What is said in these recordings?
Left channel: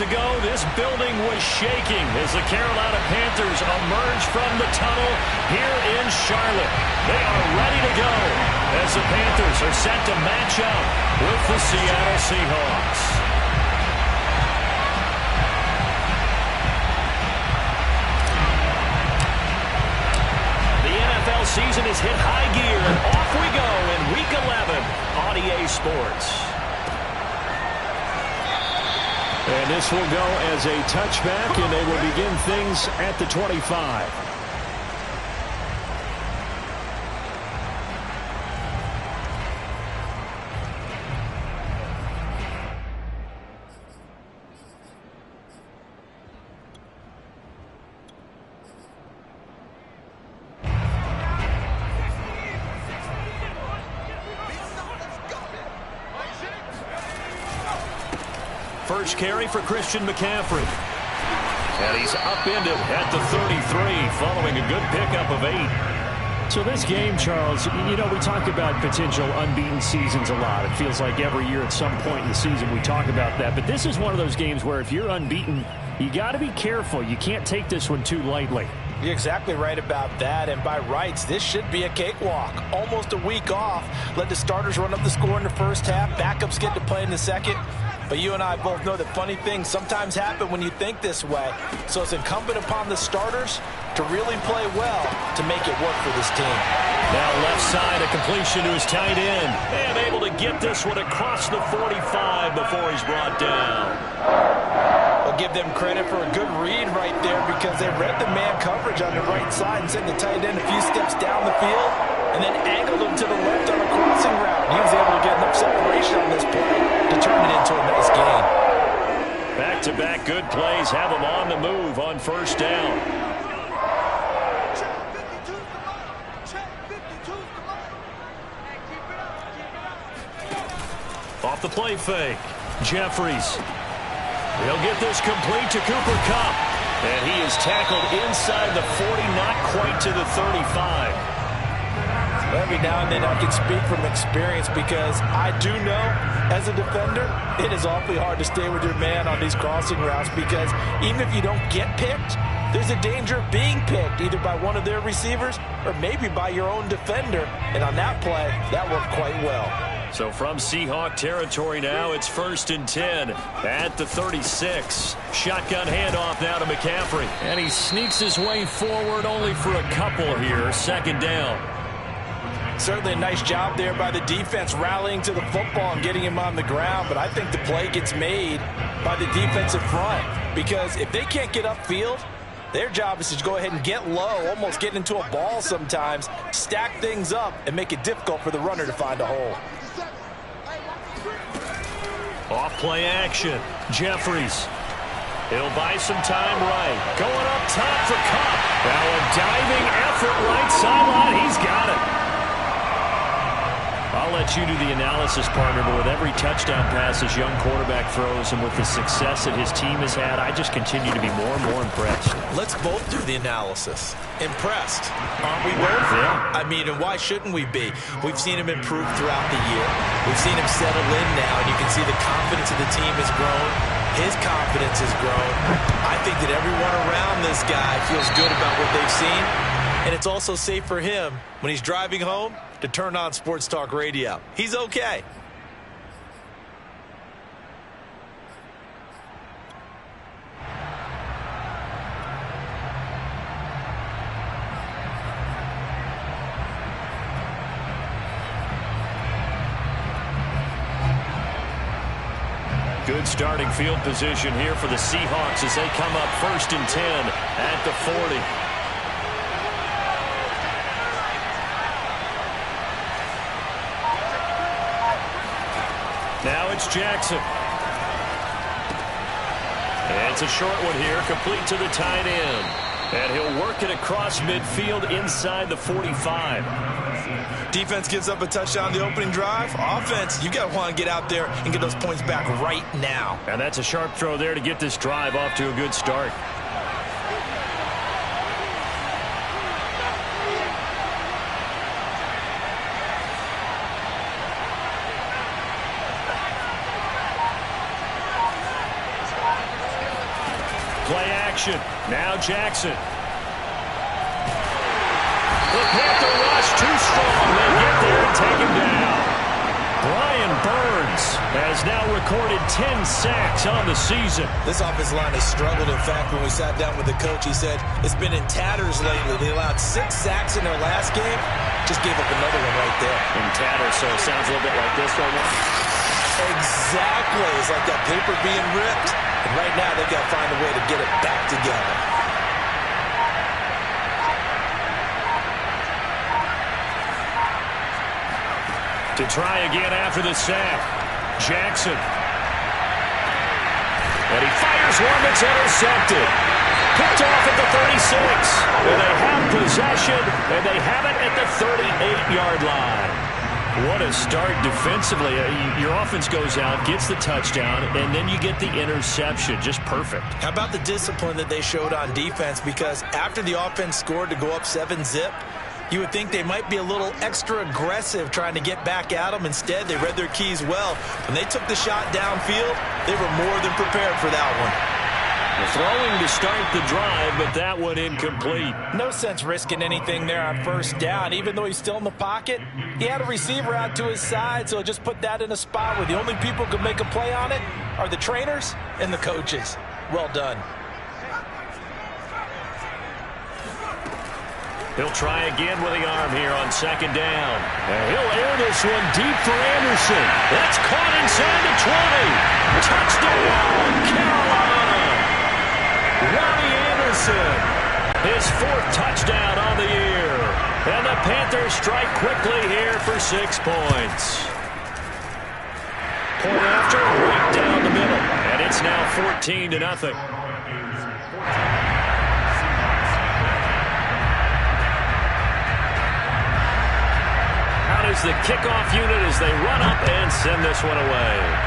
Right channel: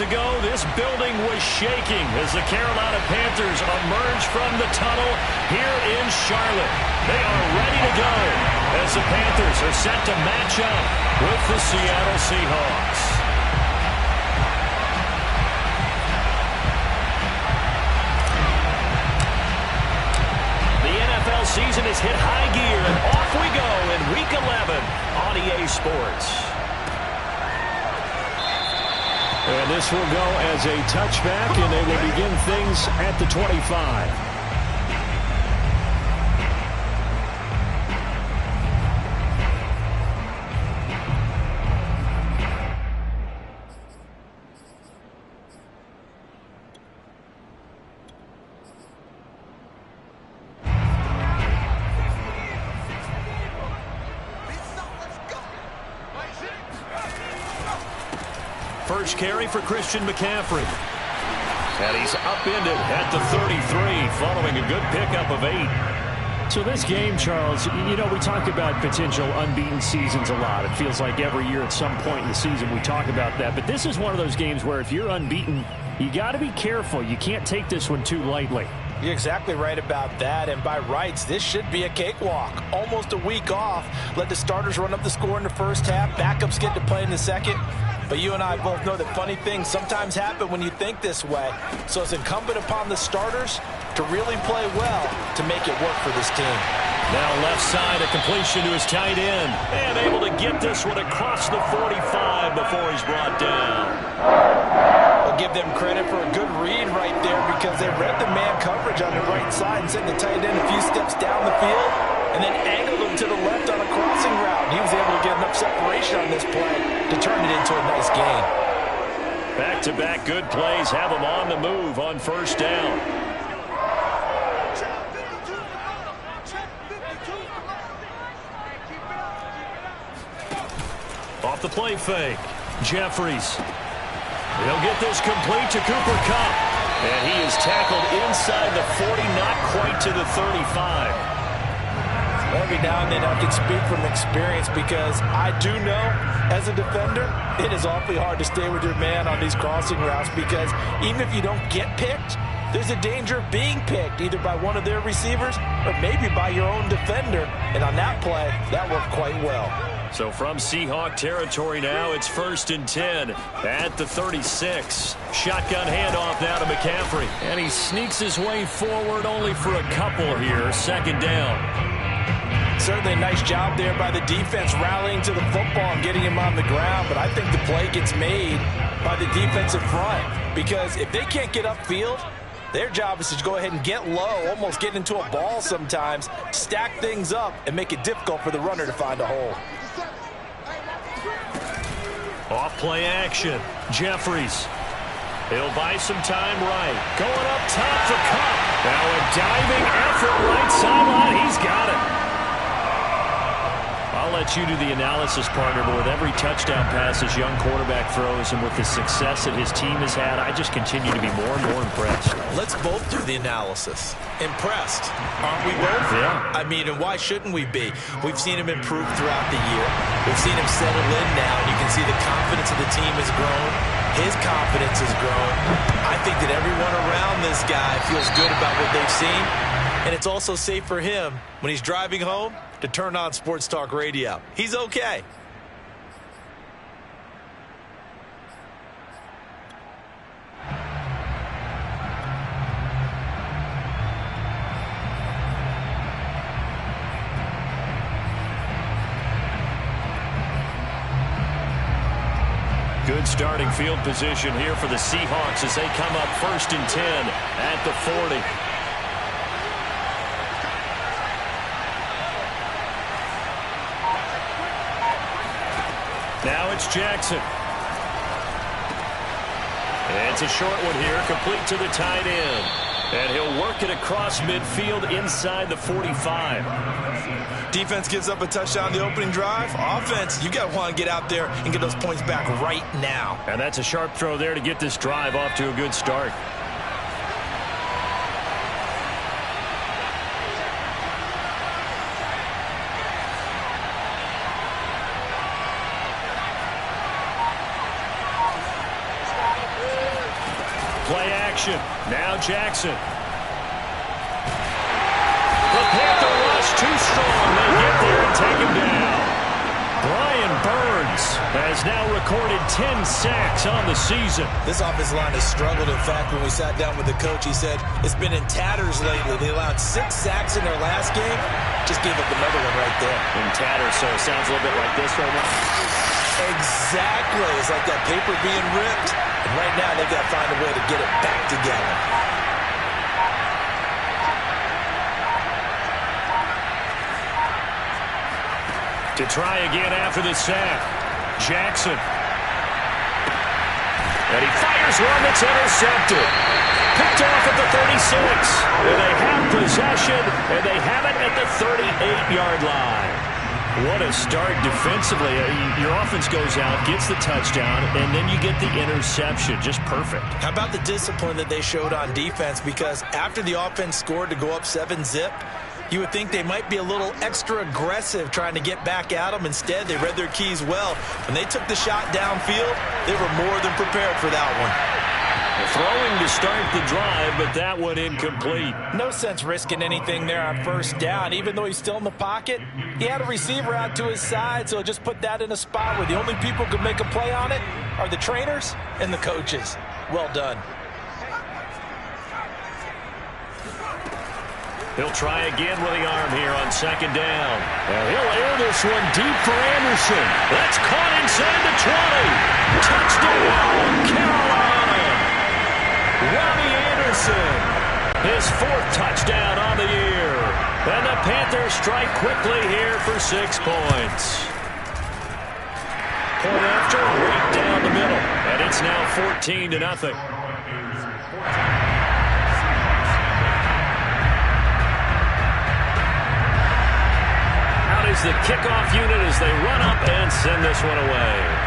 moments ago, this building was shaking as the Carolina Panthers emerge from the tunnel here in Charlotte. They are ready to go as the Panthers are set to match up with the Seattle Seahawks. The NFL season has hit high gear, and off we go in Week 11 on EA Sports. And this will go as a touchback, and they will begin things at the 25. First carry for Christian McCaffrey. And he's upended at the 33 following a good pickup of 8. So this game, Charles, you know, we talk about potential unbeaten seasons a lot. It feels like every year at some point in the season we talk about that. But this is one of those games where if you're unbeaten, you got to be careful. You can't take this one too lightly. You're exactly right about that, and by rights, this should be a cakewalk. Almost a week off. Let the starters run up the score in the first half. Backups get to play in the second. But you and I both know that funny things sometimes happen when you think this way. So it's incumbent upon the starters to really play well to make it work for this team. Now left side, a completion to his tight end. And able to get this one across the 45 before he's brought down. I'll give them credit for a good read right there because they read the man coverage on the right side and sent the tight end a few steps down the field and then angled him to the left on a crossing route. He was able to get enough separation on this play to turn it into a nice gain. Back-to-back good plays have him on the move on first down. Off the play fake. Jeffries. He'll get this complete to Cooper Kupp. And he is tackled inside the 40, not quite to the 35. Every now and then I can speak from experience because I do know as a defender it is awfully hard to stay with your man on these crossing routes because even if you don't get picked, there's a danger of being picked either by one of their receivers or maybe by your own defender. And on that play, that worked quite well. So from Seahawk territory now, it's 1st and 10 at the 36. Shotgun handoff now to McCaffrey. And he sneaks his way forward only for a couple here. Second down. Certainly a nice job there by the defense rallying to the football and getting him on the ground. But I think the play gets made by the defensive front because if they can't get upfield, their job is to go ahead and get low, almost get into a ball sometimes, stack things up, and make it difficult for the runner to find a hole. Off play action. Jeffries. He'll buy some time right. Going up top for Kupp. Now a diving effort right sideline. He's got it. I'll let you do the analysis, partner, but with every touchdown pass his young quarterback throws and with the success that his team has had, I just continue to be more and more impressed. Let's both do the analysis. Impressed, aren't we both? Yeah. I mean, and why shouldn't we be? We've seen him improve throughout the year. We've seen him settle in now, and you can see the confidence of the team has grown. His confidence has grown. I think that everyone around this guy feels good about what they've seen, and it's also safe for him when he's driving home to turn on Sports Talk Radio. He's okay. Good starting field position here for the Seahawks as they come up 1st and 10 at the 40. Now it's Jackson. It's a short one here, complete to the tight end. And he'll work it across midfield inside the 45. Defense gives up a touchdown the opening drive. Offense, you got to want to get out there and get those points back right now. And that's a sharp throw there to get this drive off to a good start. Play action. Now Jackson. The Panther rush too strong. They get there and take him down. Brian Burns has now recorded 10 sacks on the season. This offensive line has struggled. In fact, when we sat down with the coach, he said it's been in tatters lately. They allowed 6 sacks in their last game. Just gave up another one right there. In tatters, so it sounds a little bit like this right now. Exactly. It's like that paper being ripped. And right now, they've got to find a way to get it back together. To try again after the sack. Jackson. And he fires one that's intercepted. Picked off at the 36. And they have possession, and they have it at the 38-yard line. What a start defensively. Your offense goes out, gets the touchdown, and then you get the interception. Just perfect. How about the discipline that they showed on defense? Because after the offense scored to go up 7-zip, you would think they might be a little extra aggressive trying to get back at them. Instead, they read their keys well. When they took the shot downfield, they were more than prepared for that one. Throwing to start the drive, but that one incomplete. No sense risking anything there on first down. Even though he's still in the pocket, he had a receiver out to his side, so just put that in a spot where the only people who can make a play on it are the trainers and the coaches. Well done. He'll try again with the arm here on second down. And he'll air this one deep for Anderson. That's caught inside the 20. Touchdown, Carolina. Robbie Anderson, his 4th touchdown on the year. And the Panthers strike quickly here for 6 points. Point after, right down the middle. And it's now 14-0. Out is the kickoff unit as they run up and send this one away.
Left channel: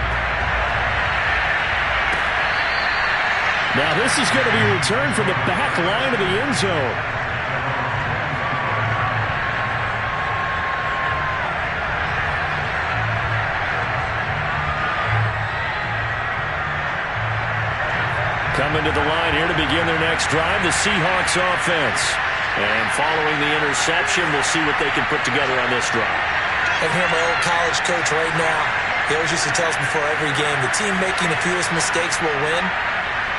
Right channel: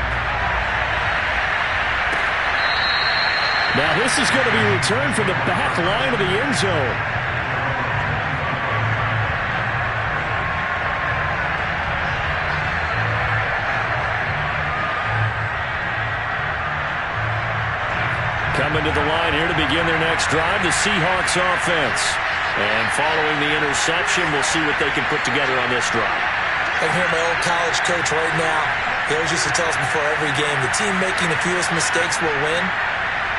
Now this is going to be returned from the back line of the end zone. Coming to the line here to begin their next drive, the Seahawks offense. And following the interception, we'll see what they can put together on this drive. I can hear my old college coach right now. He always used to tell us before every game, the team making the fewest mistakes will win.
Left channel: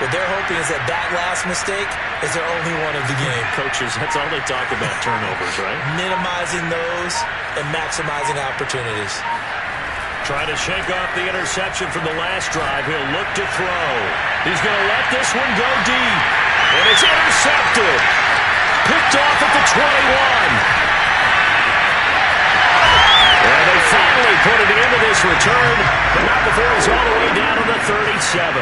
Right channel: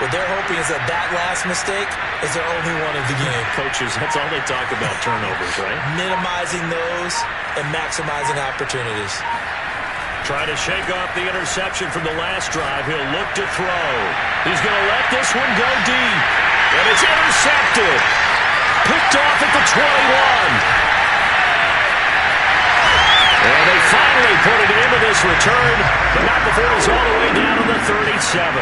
What they're hoping is that last mistake is their only one of the game. Coaches, that's all they talk about, turnovers, right? Minimizing those and maximizing opportunities. Trying to shake off the interception from the last drive. He'll look to throw. He's going to let this one go deep. And it's intercepted. Picked off at the 21. And they finally put it into this return, but not before he's all the way down to the 37.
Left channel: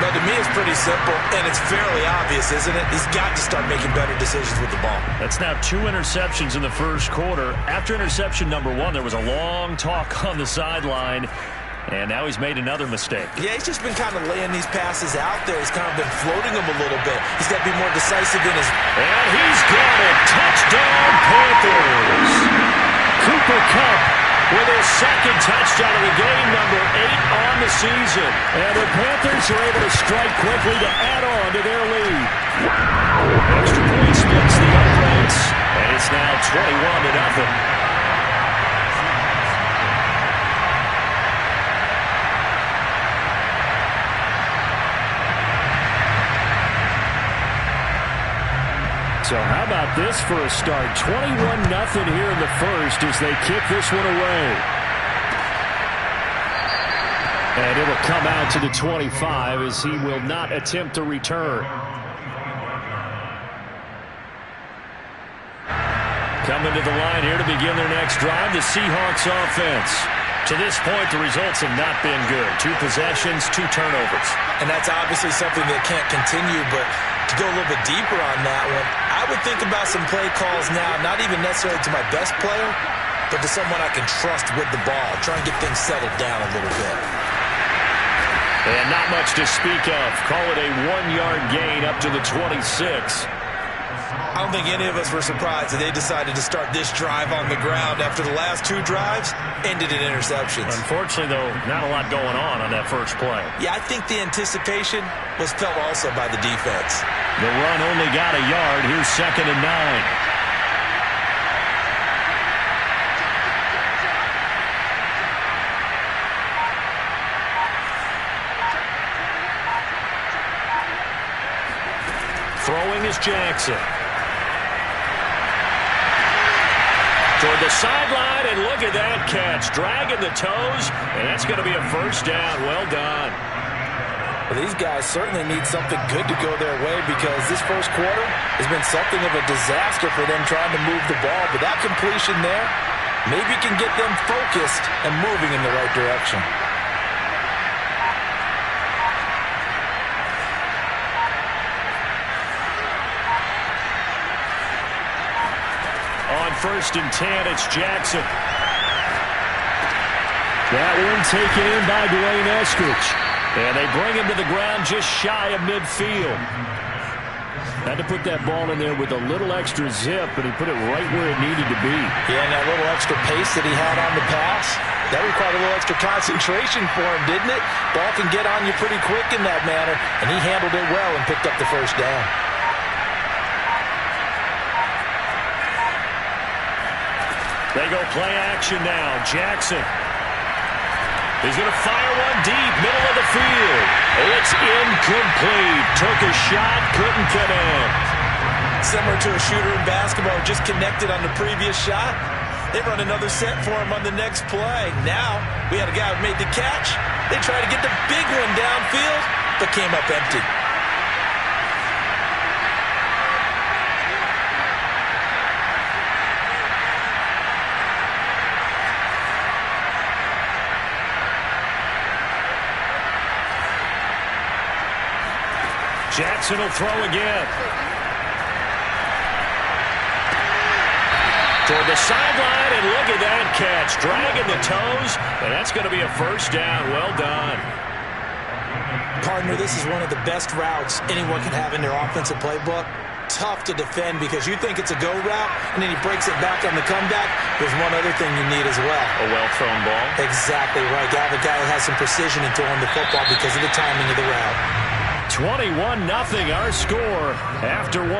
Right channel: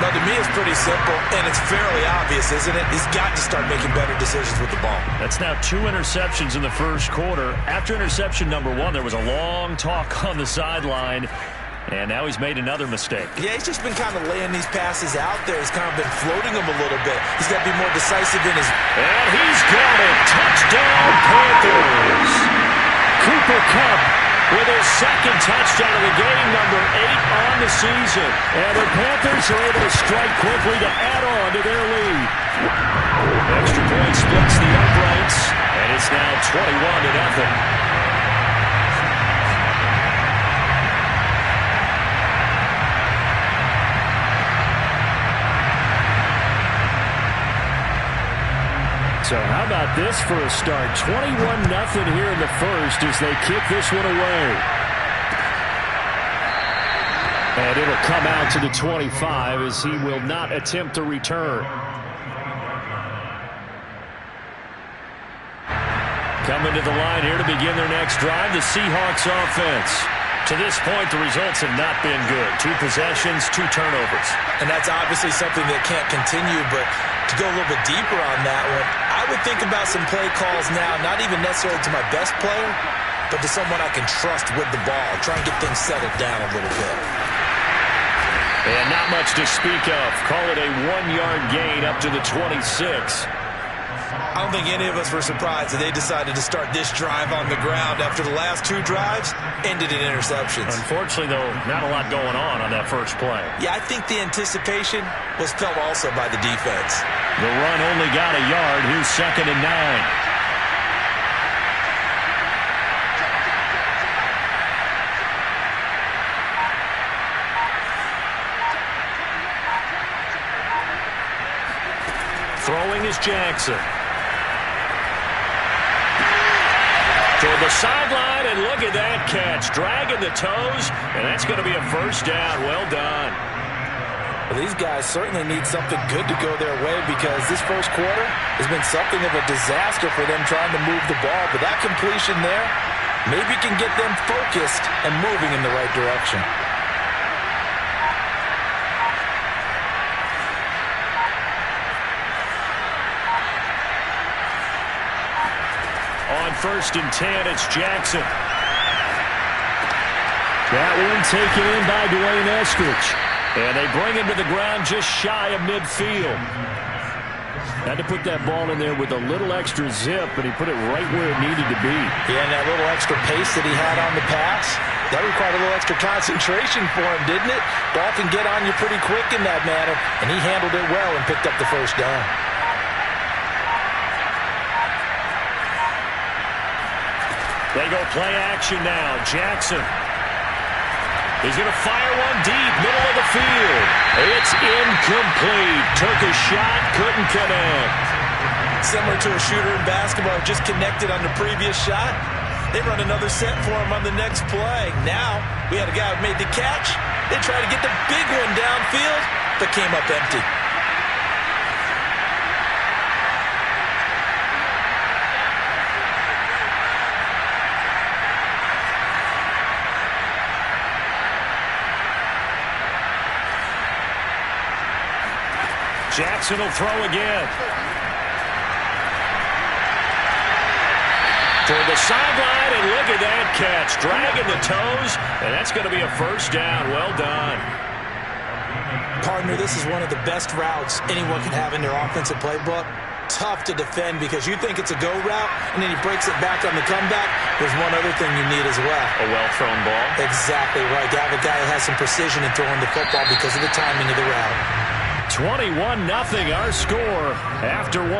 But to me, it's pretty simple, and it's fairly obvious, isn't it? He's got to start making better decisions with the ball. That's now 2 interceptions in the first quarter. After interception number 1, there was a long talk on the sideline, and now he's made another mistake. Yeah, he's just been kind of laying these passes out there. He's kind of been floating them a little bit. He's got to be more decisive in his... And he's got it. Touchdown, Panthers. Cooper Kupp with his 2nd touchdown of the game, number 8 on the season. And the Panthers are able to strike quickly to add on to their lead. Extra point splits the uprights, and it's now 21-0. So how about this for a start? 21-0 here in the first as they kick this one away. And it'll come out to the 25 as he will not attempt to return. Coming to the line here to begin their next drive, the Seahawks offense. To this point, the results have not been good. 2 possessions, 2 turnovers. And that's obviously something that can't continue, but to go a little bit deeper on that one, I would think about some play calls now, not even necessarily to my best player, but to someone I can trust with the ball. Try and get things settled down a little bit. And not much to speak of. Call it a 1-yard gain up to the 26. I don't think any of us were surprised that they decided to start this drive on the ground after the last 2 drives ended in interceptions. Unfortunately, though, not a lot going on that first play. Yeah, I think the anticipation was felt also by the defense. The run only got a yard. Here's 2nd and 9. Throwing is Jackson. Toward the sideline, and look at that catch. Dragging the toes, and that's going to be a first down. Well done. Well, these guys certainly need something good to go their way because this first quarter has been something of a disaster for them trying to move the ball. But that completion there maybe can get them focused and moving in the right direction. On 1st and 10, it's Jackson. That one taken in by Dwayne Eskridge. And they bring him to the ground just shy of midfield. Had to put that ball in there with a little extra zip, but he put it right where it needed to be. Yeah, and that little extra pace that he had on the pass, that required a little extra concentration for him, didn't it? Ball can get on you pretty quick in that manner, and he handled it well and picked up the first down. They go play action now. Jackson. He's going to fire one deep, middle of the field. It's incomplete. Took a shot, couldn't connect. Similar to a shooter in basketball, just connected on the previous shot. They run another set for him on the next play. Now, we had a guy who made the catch. They tried to get the big one downfield, but came up empty. Jackson will throw again. Toward the sideline, and look at that catch. Dragging the toes, and that's going to be a first down. Well done. Partner, this is one of the best routes anyone can have in their offensive playbook. Tough to defend because you think it's a go route, and then he breaks it back on the comeback. There's one other thing you need as well. A well-thrown ball? Exactly right. You have a guy who has some precision in throwing the football because of the timing of the route. 21-0 our score after 1.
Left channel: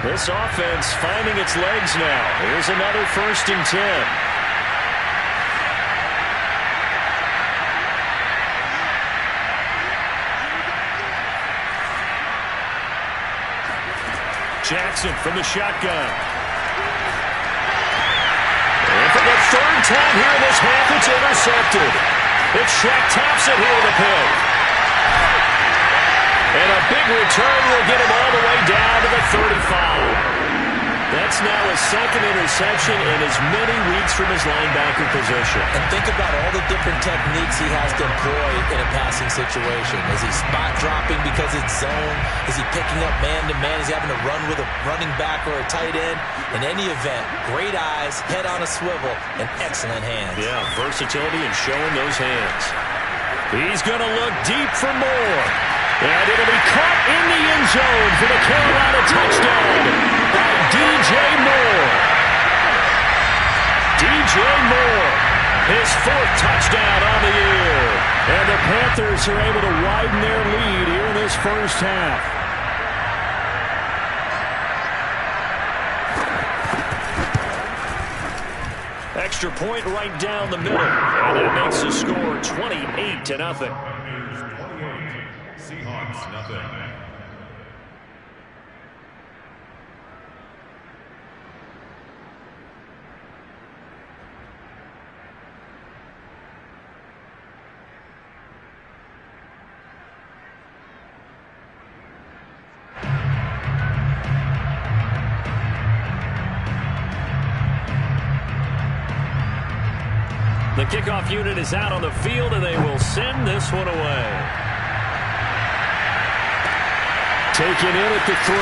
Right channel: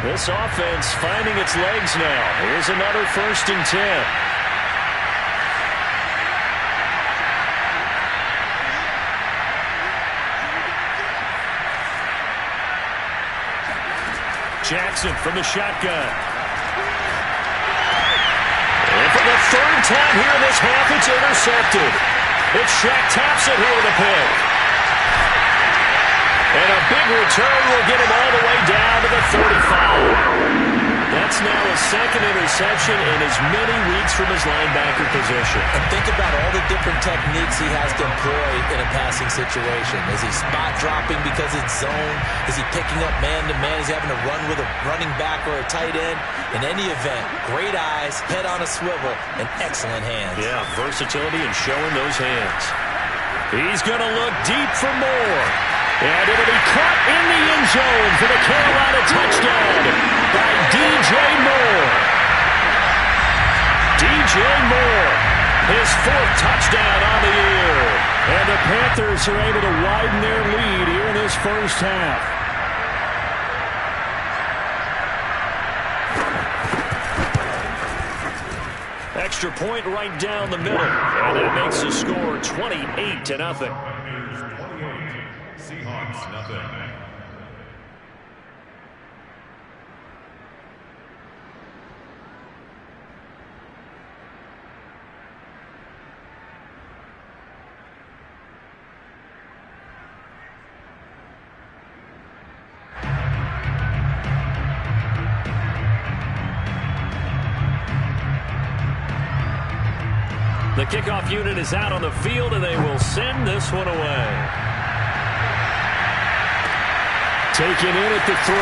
This offense finding its legs now. Here's another 1st and 10. Jackson from the shotgun. And for the 3rd time here in this half, it's intercepted. It's Shaq Thompson here with a pick. And a big return will get him all the way down to the 35. That's now his 2nd interception in as many weeks from his linebacker position. And think about all the different techniques he has to employ in a passing situation. Is he spot dropping because it's zone? Is he picking up man-to-man? Is he having to run with a running back or a tight end? In any event, great eyes, head on a swivel, and excellent hands. Yeah, versatility and showing those hands. He's going to look deep for more. And it'll be caught in the end zone for the Carolina touchdown by DJ Moore. DJ Moore, his 4th touchdown on the year. And the Panthers are able to widen their lead here in this first half. Extra point right down the middle. And that makes the score 28-0. Seahawks, nothing. The kickoff unit is out on the field, and they will send this one away. Taken in at the 3.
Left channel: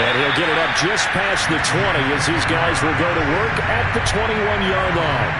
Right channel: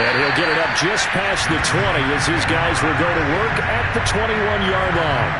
And he'll get it up just past the 20 as his guys will go to work at the 21-yard line.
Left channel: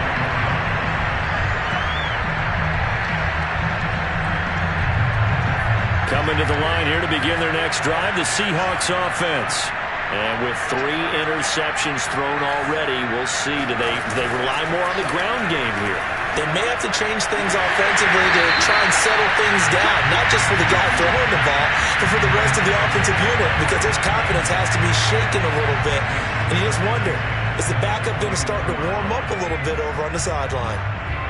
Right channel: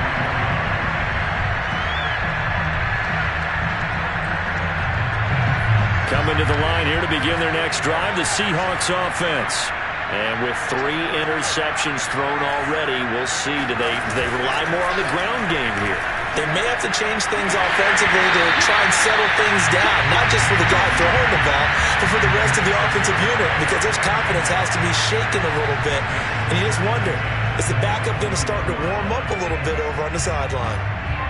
Coming to the line here to begin their next drive, the Seahawks offense. And with 3 interceptions thrown already, we'll see. Do they rely more on the ground game here? They may have to change things offensively to try and settle things down, not just for the guy throwing the ball, but for the rest of the offensive unit, because his confidence has to be shaken a little bit. And you just wonder, is the backup going to start to warm up a little bit over on the sideline?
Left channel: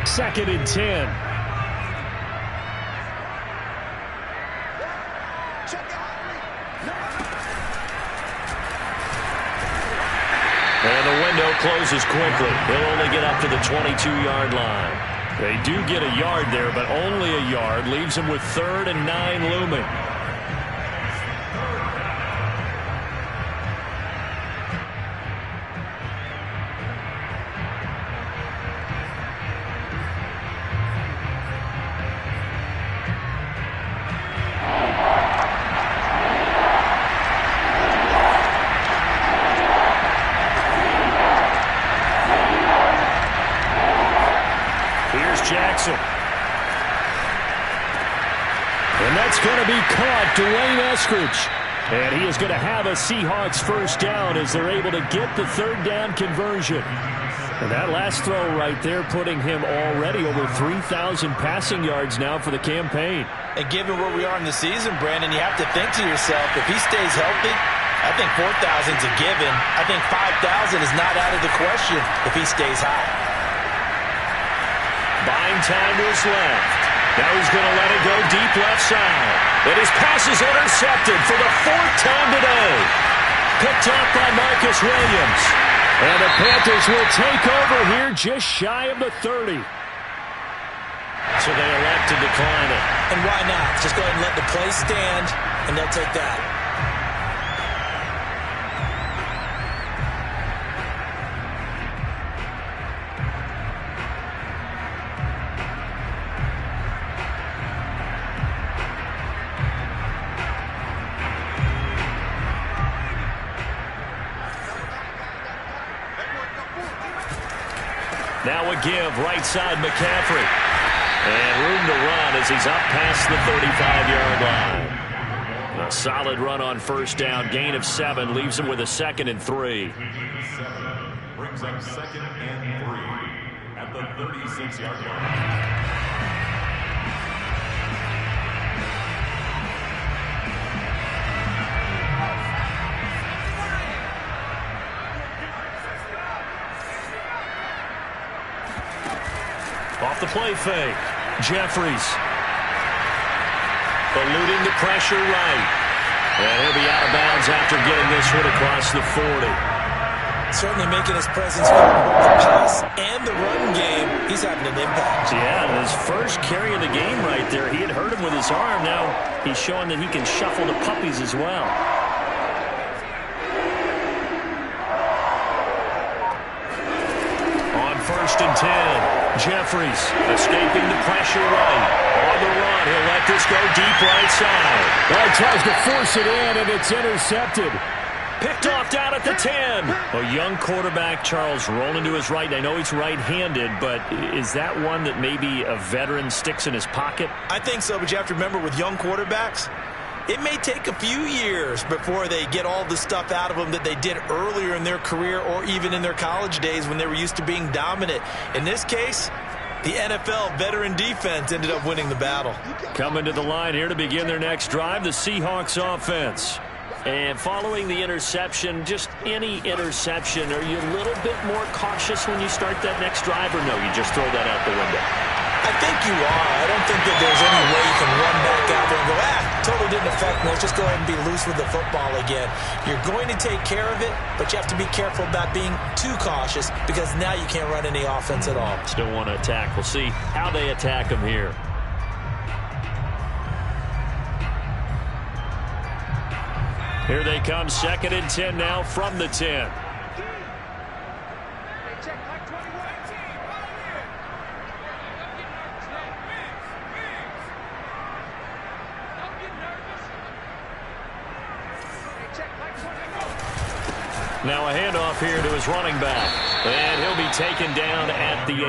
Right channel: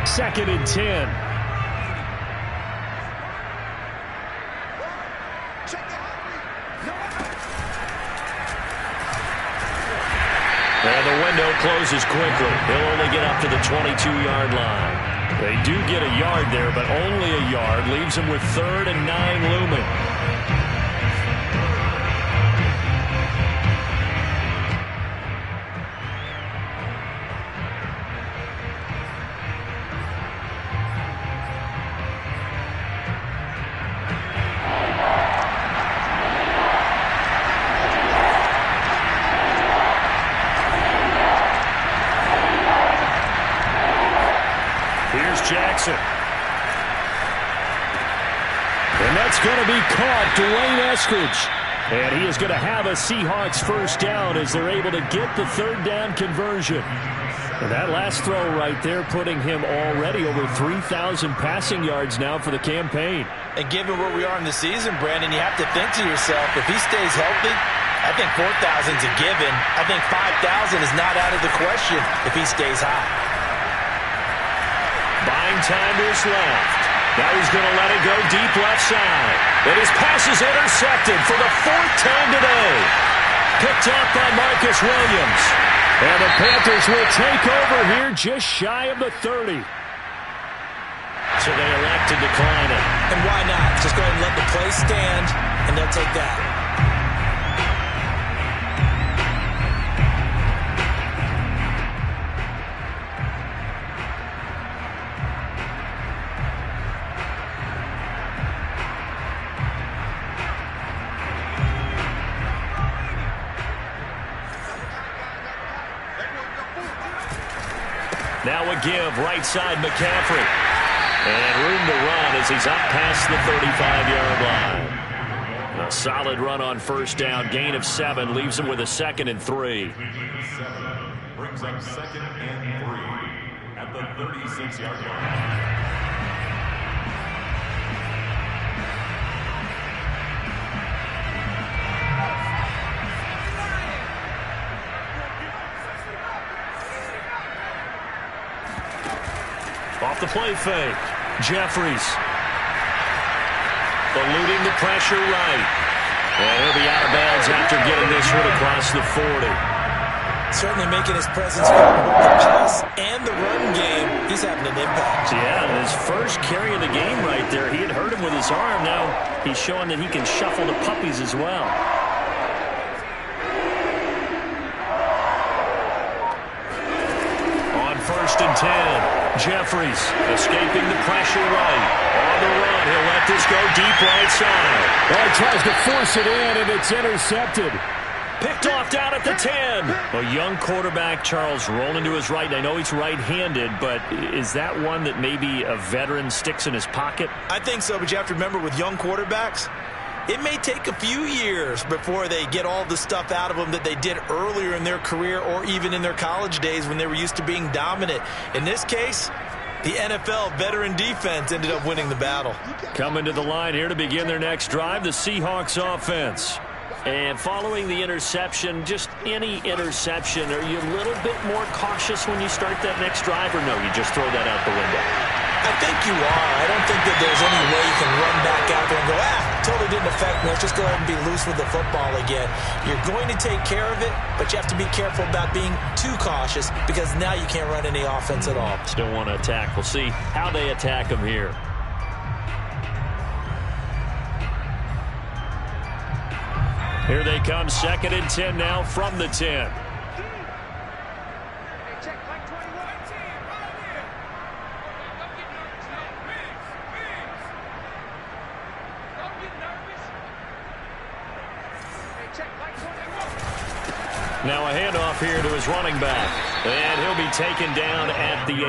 2nd and 10. And the window closes quickly. He'll only get up to the 22-yard line. They do get a yard there, but only a yard. Leaves him with 3rd and 9 looming. Jackson. And that's going to be caught. Dwayne Eskridge. And he is going to have a Seahawks first down as they're able to get the 3rd down conversion. And that last throw right there putting him already over 3,000 passing yards now for the campaign. And given where we are in the season, Brandon, you have to think to yourself, if he stays healthy, I think 4,000 is a given. I think 5,000 is not out of the question if he stays high. Buying time to his left. Now he's going to let it go deep left side. And his pass is intercepted for the 4th time today. Picked off by Marcus Williams. And the Panthers will take over here just shy of the 30. So they elect to decline it. And why not? Just go ahead and let the play stand, and they'll take that. Now a give, right side McCaffrey. And room to run as he's up past the 35-yard line. A solid run on first down, gain of 7, leaves him with a 2nd and 3. Brings up 2nd and 3 at the 36-yard line. Off the play fake. Jeffries. Eluding the pressure right. And he'll be out of bounds after getting this one across the 40. Certainly making his presence felt in both the pass and the run game. He's having an impact. Yeah, his first carry of the game right there. He had hurt him with his arm. Now he's showing that he can shuffle the puppies as well. On 1st and 10. Jeffries escaping the pressure right. On the run, he'll let this go deep right side. Oh, he tries to force it in, and it's intercepted. Picked off down at the 10. A young quarterback, Charles, rolling to his right. I know he's right-handed, but is that one that maybe a veteran sticks in his pocket? I think so, but you have to remember with young quarterbacks, it may take a few years before they get all the stuff out of them that they did earlier in their career or even in their college days when they were used to being dominant. In this case, the NFL veteran defense ended up winning the battle. Coming to the line here to begin their next drive, the Seahawks offense. And following the interception, just any interception, are you a little bit more cautious when you start that next drive, or no, you just throw that out the window? I think you are. I don't think that there's any way you can run back out there and go, totally didn't affect me. Let's just go ahead and be loose with the football again. You're going to take care of it, but you have to be careful about being too cautious because now you can't run any offense at all. Still want to attack. We'll see how they attack him here. Here they come, 2nd and 10 now from the 10. Now a handoff here to his running back. And he'll be taken down at the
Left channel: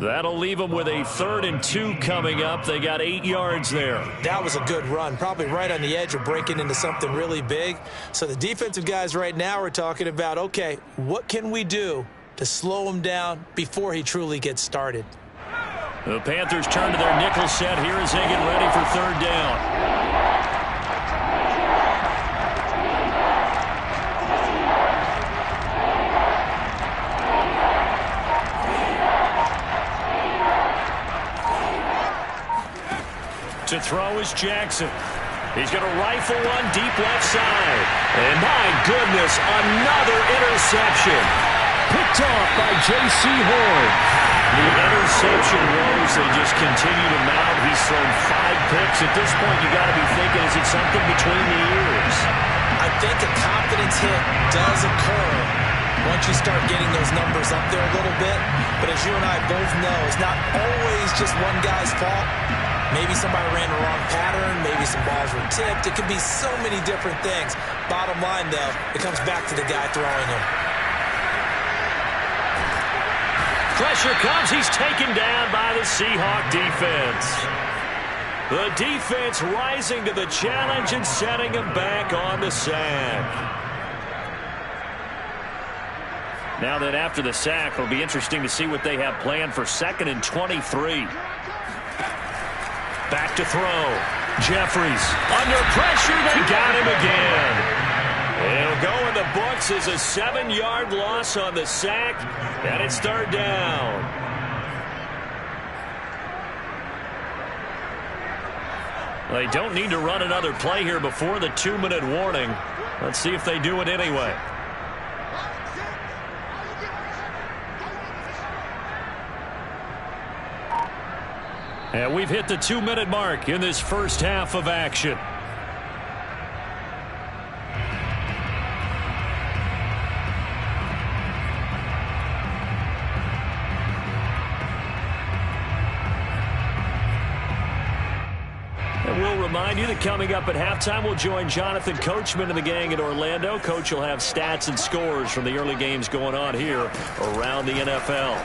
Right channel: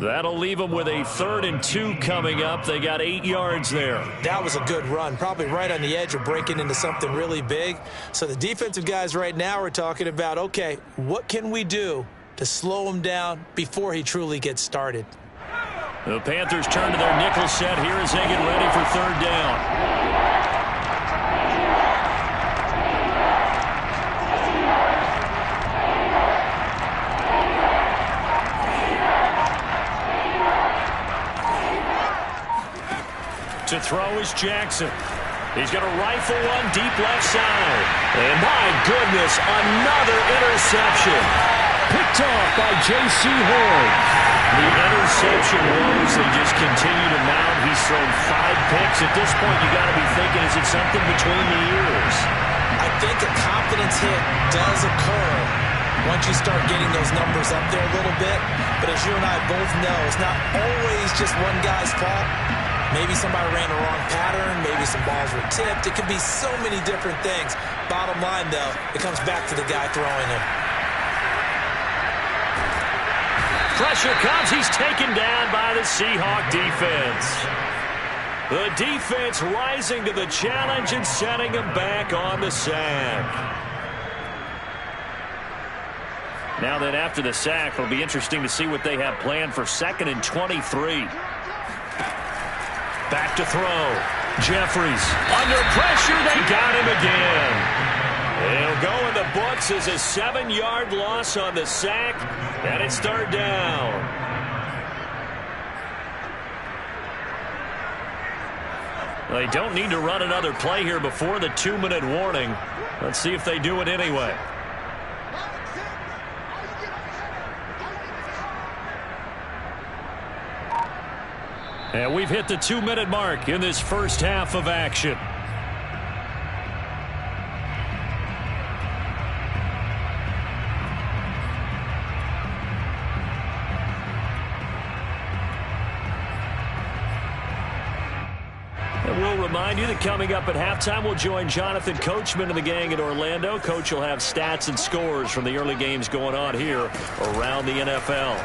18. That'll leave them with a 3rd and 2 coming up. They got 8 yards there. That was a good run, probably right on the edge of breaking into something really big. So the defensive guys right now are talking about, okay, what can we do to slow him down before he truly gets started? The Panthers turn to their nickel set here as they get ready for 3rd down. To throw is Jackson. He's going to rifle one deep left side. And my goodness, another interception. Picked off by J.C. Horn. The interception woes, they just continue to mount. He's thrown 5 picks. At this point, you got to be thinking, is it something between the ears? I think a confidence hit does occur once you start getting those numbers up there a little bit. But as you and I both know, it's not always just one guy's fault. Maybe somebody ran the wrong pattern. Maybe some balls were tipped. It could be so many different things. Bottom line, though, it comes back to the guy throwing them. Pressure comes. He's taken down by the Seahawk defense. The defense rising to the challenge and setting him back on the sack. Now then, after the sack, it'll be interesting to see what they have planned for 2nd and 23. Back to throw. Jeffries under pressure. They got him again. It'll go in the books as a 7-yard loss on the sack, and it's 3rd down. They don't need to run another play here before the 2-minute warning. Let's see if they do it anyway. And we've hit the 2-minute mark in this first half of action. And we'll remind you that coming up at halftime, we'll join Jonathan Coachman and the gang in Orlando. Coach will have stats and scores from the early games going on here around the NFL.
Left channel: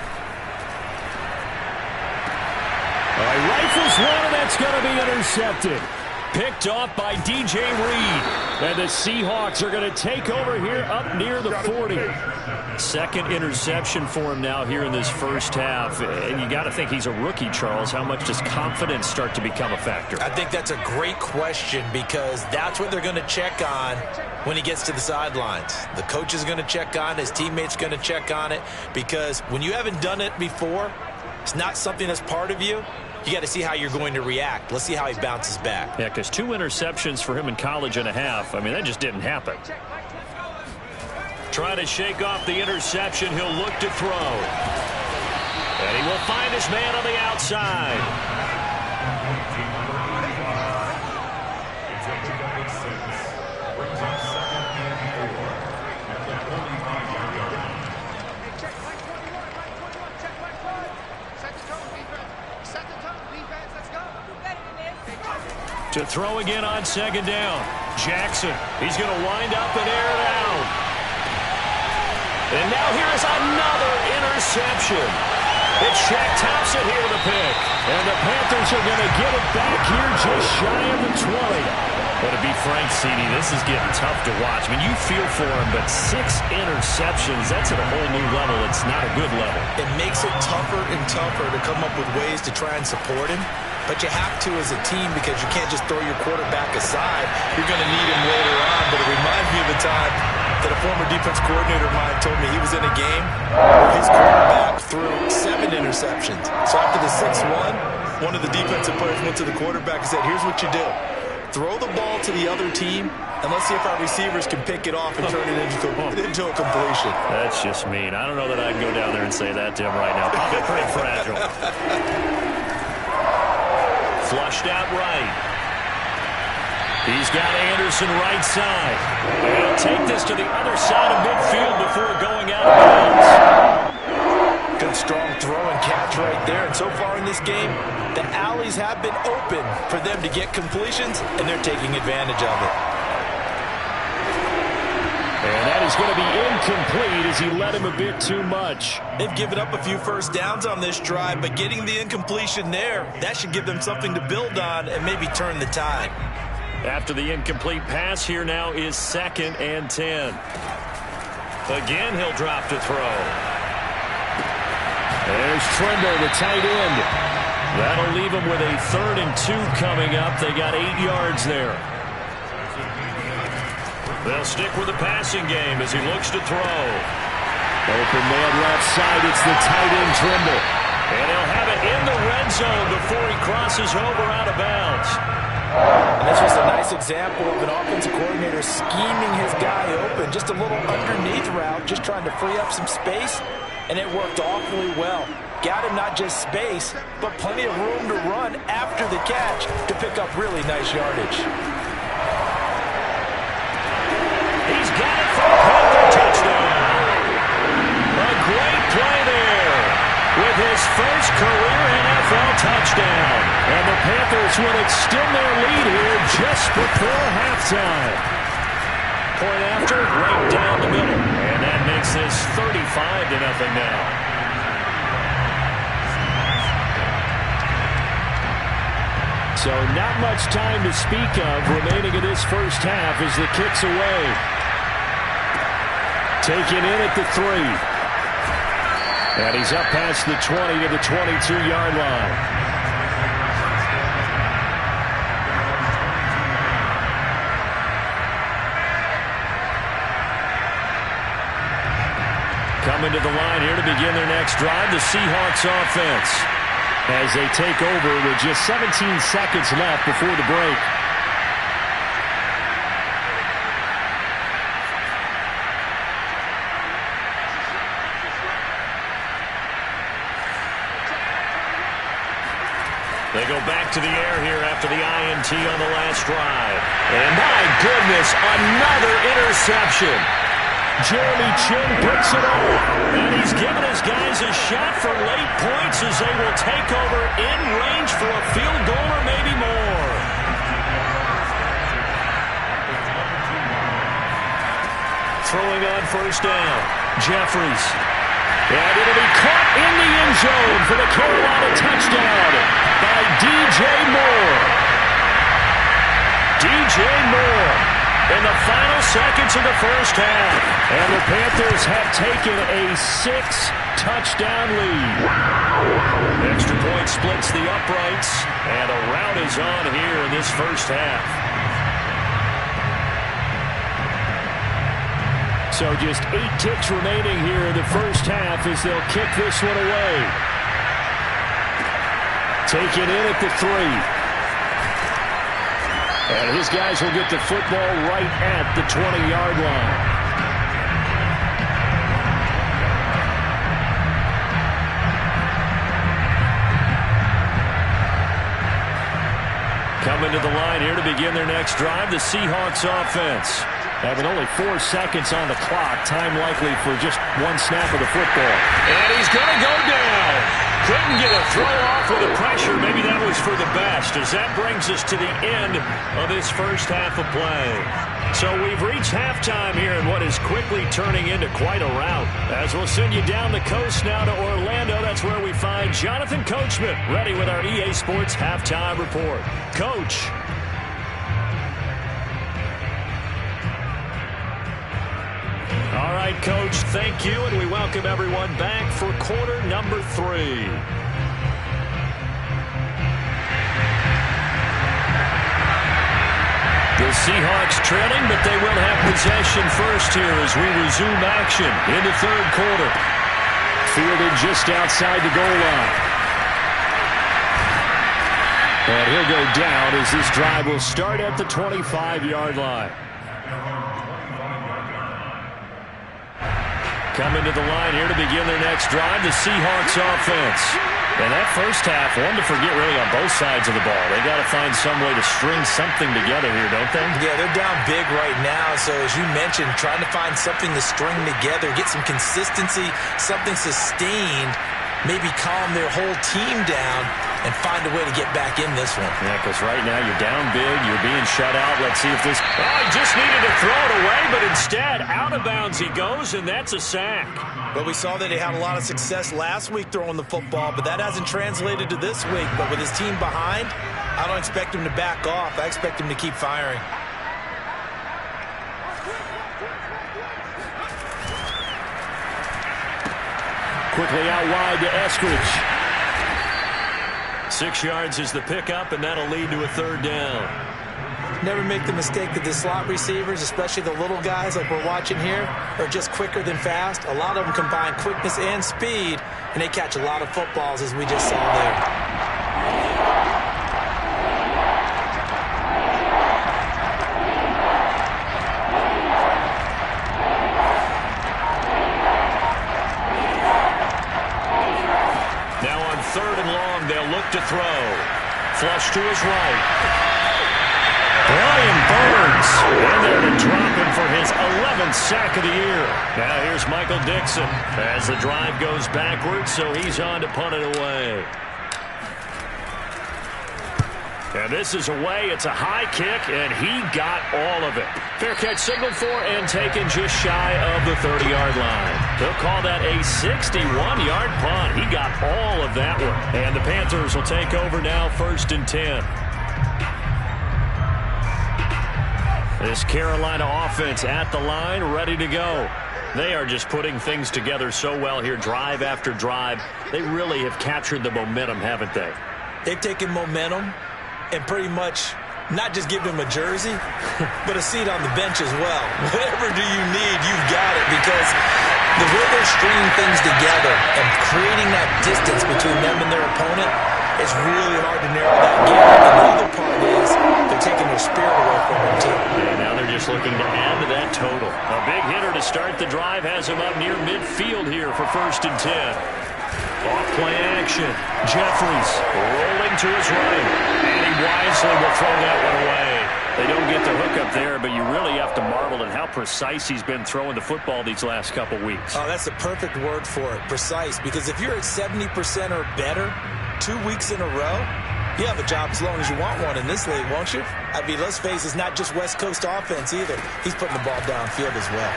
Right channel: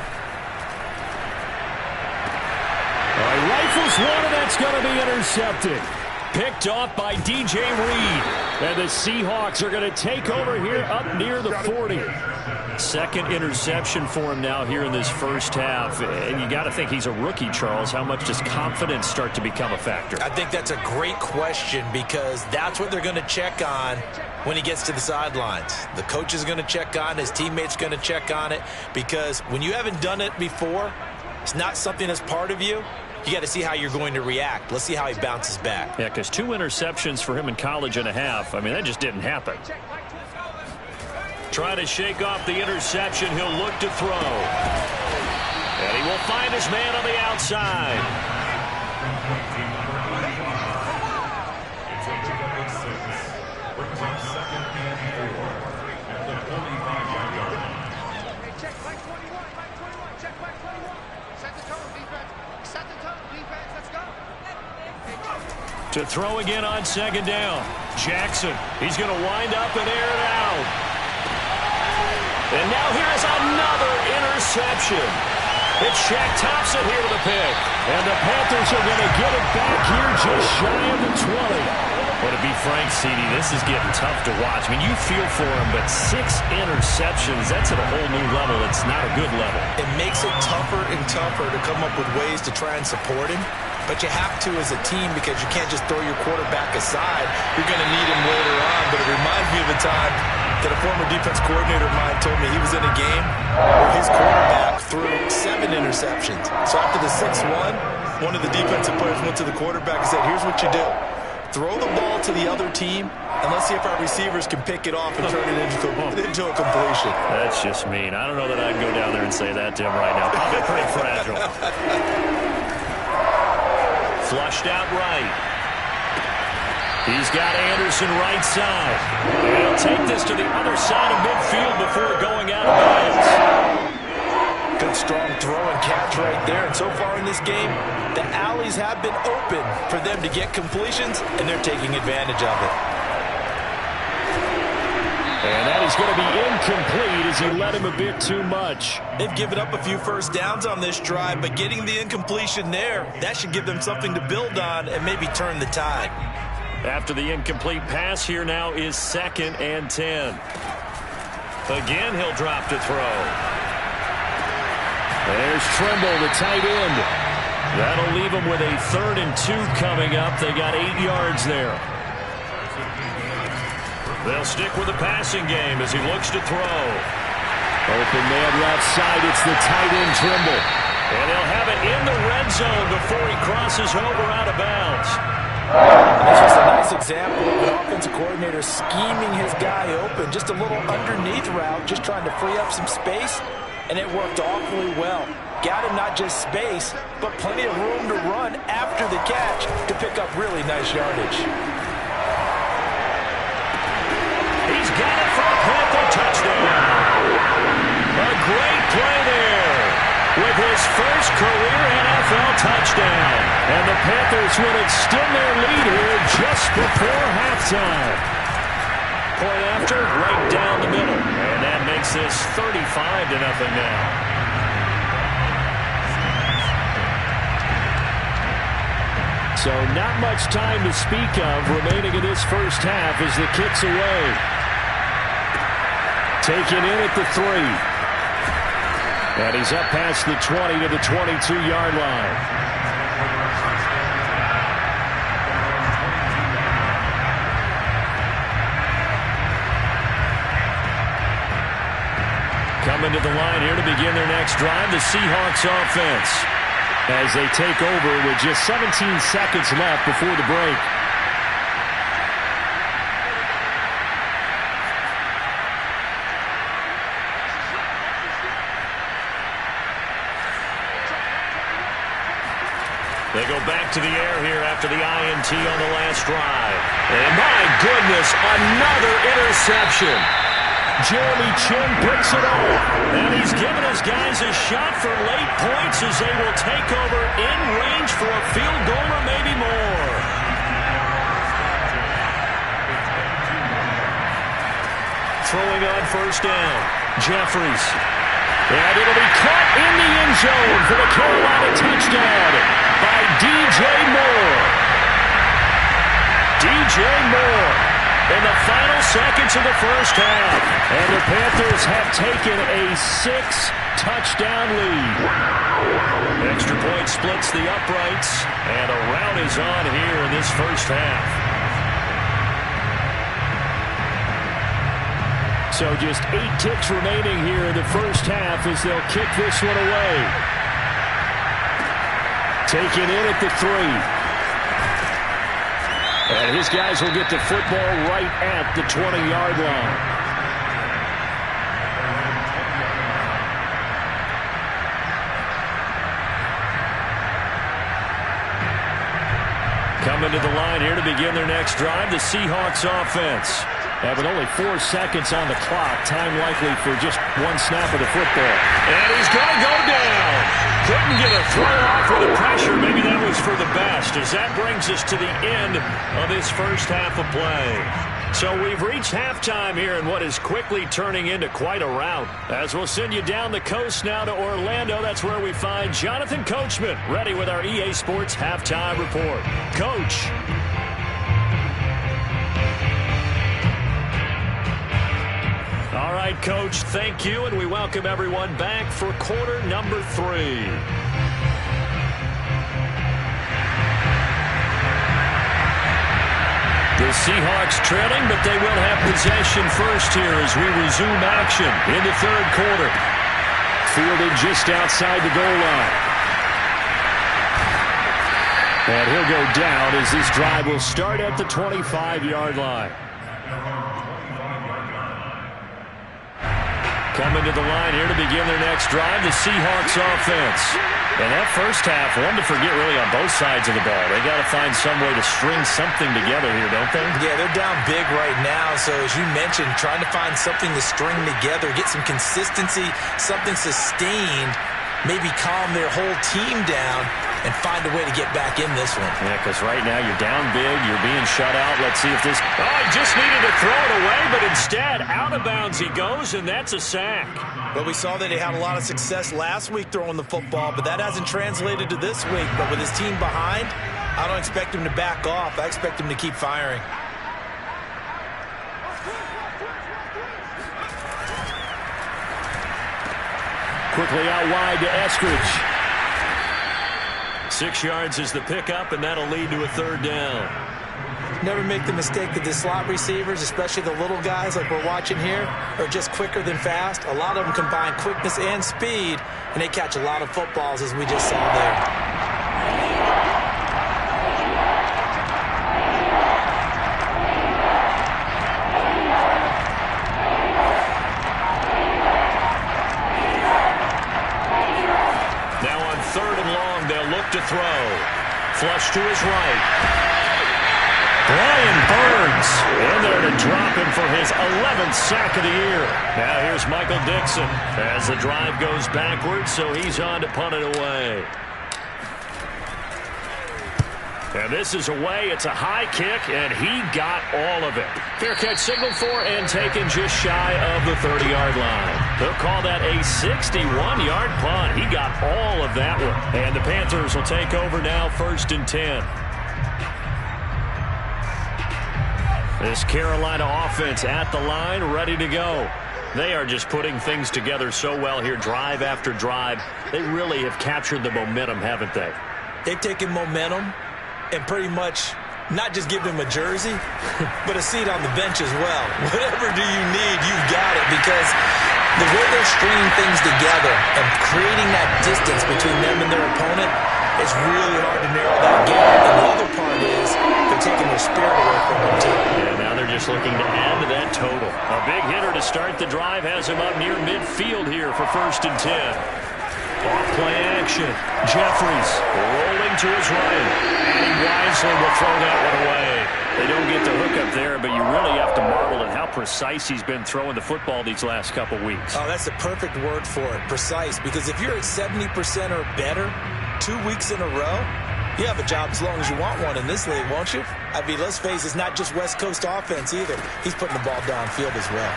All right, rifles one, and that's going to be intercepted. Picked off by DJ Reed. And the Seahawks are going to take over here up near the 40. 2nd interception for him now here in this first half. And you got to think he's a rookie, Charles. How much does confidence start to become a factor? I think that's a great question because that's what they're going to check on when he gets to the sidelines. The coach is going to check on, his teammates going to check on it, because when you haven't done it before, it's not something that's part of you. You got to see how you're going to react. Let's see how he bounces back. Yeah, because 2 interceptions for him in college and a half. I mean, that just didn't happen. Trying to shake off the interception. He'll look to throw. And he will find his man on the outside. It's a pickup of 6. Brings up 2nd and 4 at the 45-yard line. Check line 21, line 21, check line 21. Set the tone, defense. Set the tone, defense. Let's go. To throw again on 2nd down. Jackson, he's going to wind up and air it out. And now here is another interception. It's Shaq Thompson here with a pick. And the Panthers are going to get it back here just shy of the 20. But to be frank, CD, this is getting tough to watch. I mean, you feel for him, but 6 interceptions, that's at a whole new level. It's not a good level. It makes it tougher and tougher to come up with ways to try and support him. But you have to as a team because you can't just throw your quarterback aside. You're going to need him later on. But it reminds me of a time that a former defense coordinator of mine told me he was in a game where his quarterback threw 7 interceptions. So after the 6-1, one of the defensive players went to the quarterback and said, here's what you do. Throw the ball to the other team, and let's see if our receivers can pick it off and turn it into a completion. That's just mean. I don't know that I can go down there and say that to him right now. Probably pretty fragile. Flushed out right. He's got Anderson right side. And he'll take this to the other side of midfield before going out of bounds. Good strong throw and catch right there. And so far in this game, the alleys have been open for them to get completions, and they're taking advantage of it. And that is going to be incomplete as he led him a bit too much. They've given up a few first downs on this drive, but getting the incompletion there, that should give them something to build on and maybe turn the tide. After the incomplete pass, here now is 2nd and 10. Again, he'll drop to throw. There's Trimble, the tight end. That'll leave them with a 3rd and 2 coming up. They got 8 yards there. They'll stick with the passing game as he looks to throw. Open man left side. It's the tight end, Trimble. And they'll have it in the red zone before he crosses over out of bounds. That's just a nice example of an offensive coordinator scheming his guy open. Just a little underneath route, just trying to free up some space, and it worked awfully well. Got him not just space, but plenty of room to run after the catch to pick up really nice yardage. He's got it for a Panther touchdown. A great play there with his first career NFL touchdown. And the Panthers would extend their lead here just before halftime. Point after, right down the middle. And that makes this 35-0 now. So not much time to speak of remaining in this first half as the kick's away. Taken in at the 3. And he's up past the 20 to the 22-yard line. Coming to the line here to begin their next drive, the Seahawks offense. As they take over with just 17 seconds left before the break. They go back to the air here after the INT on the last drive. And my goodness, another interception. Jeremy Chinn picks it off. And he's given his guys a shot for late points as they will take over in range for a field goal or maybe more. Throwing on first down, Jeffries. And it'll be caught in the end zone for the Carolina touchdown by DJ Moore. DJ Moore in the final seconds of the first half. And the Panthers have taken a 6-touchdown lead. Extra point splits the uprights, and a rout is on here in this first half. So just 8 ticks remaining here in the first half as they'll kick this one away. Taken in at the 3. And his guys will get the football right at the 20-yard line. Coming to the line here to begin their next drive, the Seahawks offense. Having only 4 seconds on the clock, time likely for just 1 snap of the football. And he's going to go down. Couldn't get a throw off with the pressure. Maybe that was for the best, as that brings us to the end of this first half of play. So we've reached halftime here in what is quickly turning into quite a rout. As we'll send you down the coast now to Orlando, that's where we find Jonathan Coachman, ready with our EA Sports Halftime Report. Coach. All right, Coach, thank you, and we welcome everyone back for quarter number 3. The Seahawks trailing, but they will have possession first here as we resume action in the third quarter. Fielded just outside the goal line. And he'll go down as this drive will start at the 25-yard line. Coming to the line here to begin their next drive, the Seahawks offense. And that first half, one to forget really on both sides of the ball. They got to find some way to string something together here, don't they? Yeah, they're down big right now. So as you mentioned, trying to find something to string together, get some consistency, something sustained, maybe calm their whole team down. and find a way to get back in this one. Yeah, because right now you're down big. You're being shut out. Let's see if this... Oh, he just needed to throw it away, but instead, out of bounds he goes, and that's a sack. But we saw that he had a lot of success last week throwing the football, but that hasn't translated to this week. But with his team behind, I don't expect him to back off. I expect him to keep firing. Quickly out wide to Eskridge. 6 yards is the pickup, and that'll lead to a third down. Never make the mistake that the slot receivers, especially the little guys like we're watching here, are just quicker than fast. A lot of them combine quickness and speed, and they catch a lot of footballs, as we just saw there. To throw. Flush to his right. Brian Burns in there to drop him for his 11th sack of the year. Now here's Michael Dixon as the drive goes backwards, so he's on to punt it away. And this is away. It's a high kick, and he got all of it. Fair catch signaled for and taken just shy of the 30-yard line. They'll call that a 61-yard punt. He got all of that one. And the Panthers will take over now, 1st and 10. This Carolina offense at the line, ready to go. They are just putting things together so well here, drive after drive. They really have captured the momentum, haven't they? They've taken momentum and pretty much not just give him a jersey, but a seat on the bench as well. Whatever do you need, you've got it, because the way they're stringing things together and creating that distance between them and their opponent, it's really hard to narrow that gap. And the other part is they're taking their spirit away from them, too. And now they're just looking to add to that total. A big hitter to start the drive has him up near midfield here for 1st and 10. Off play action. Jeffries rolling to his right. And he wisely will throw that one away. They don't get the hook up there, but you really have to marvel at how precise he's been throwing the football these last couple weeks. Oh, that's the perfect word for it, precise. Because if you're at 70% or better 2 weeks in a row, you have a job as long as you want one in this league, won't you? I mean, let's face it, it's not just West Coast offense either. He's putting the ball downfield as well.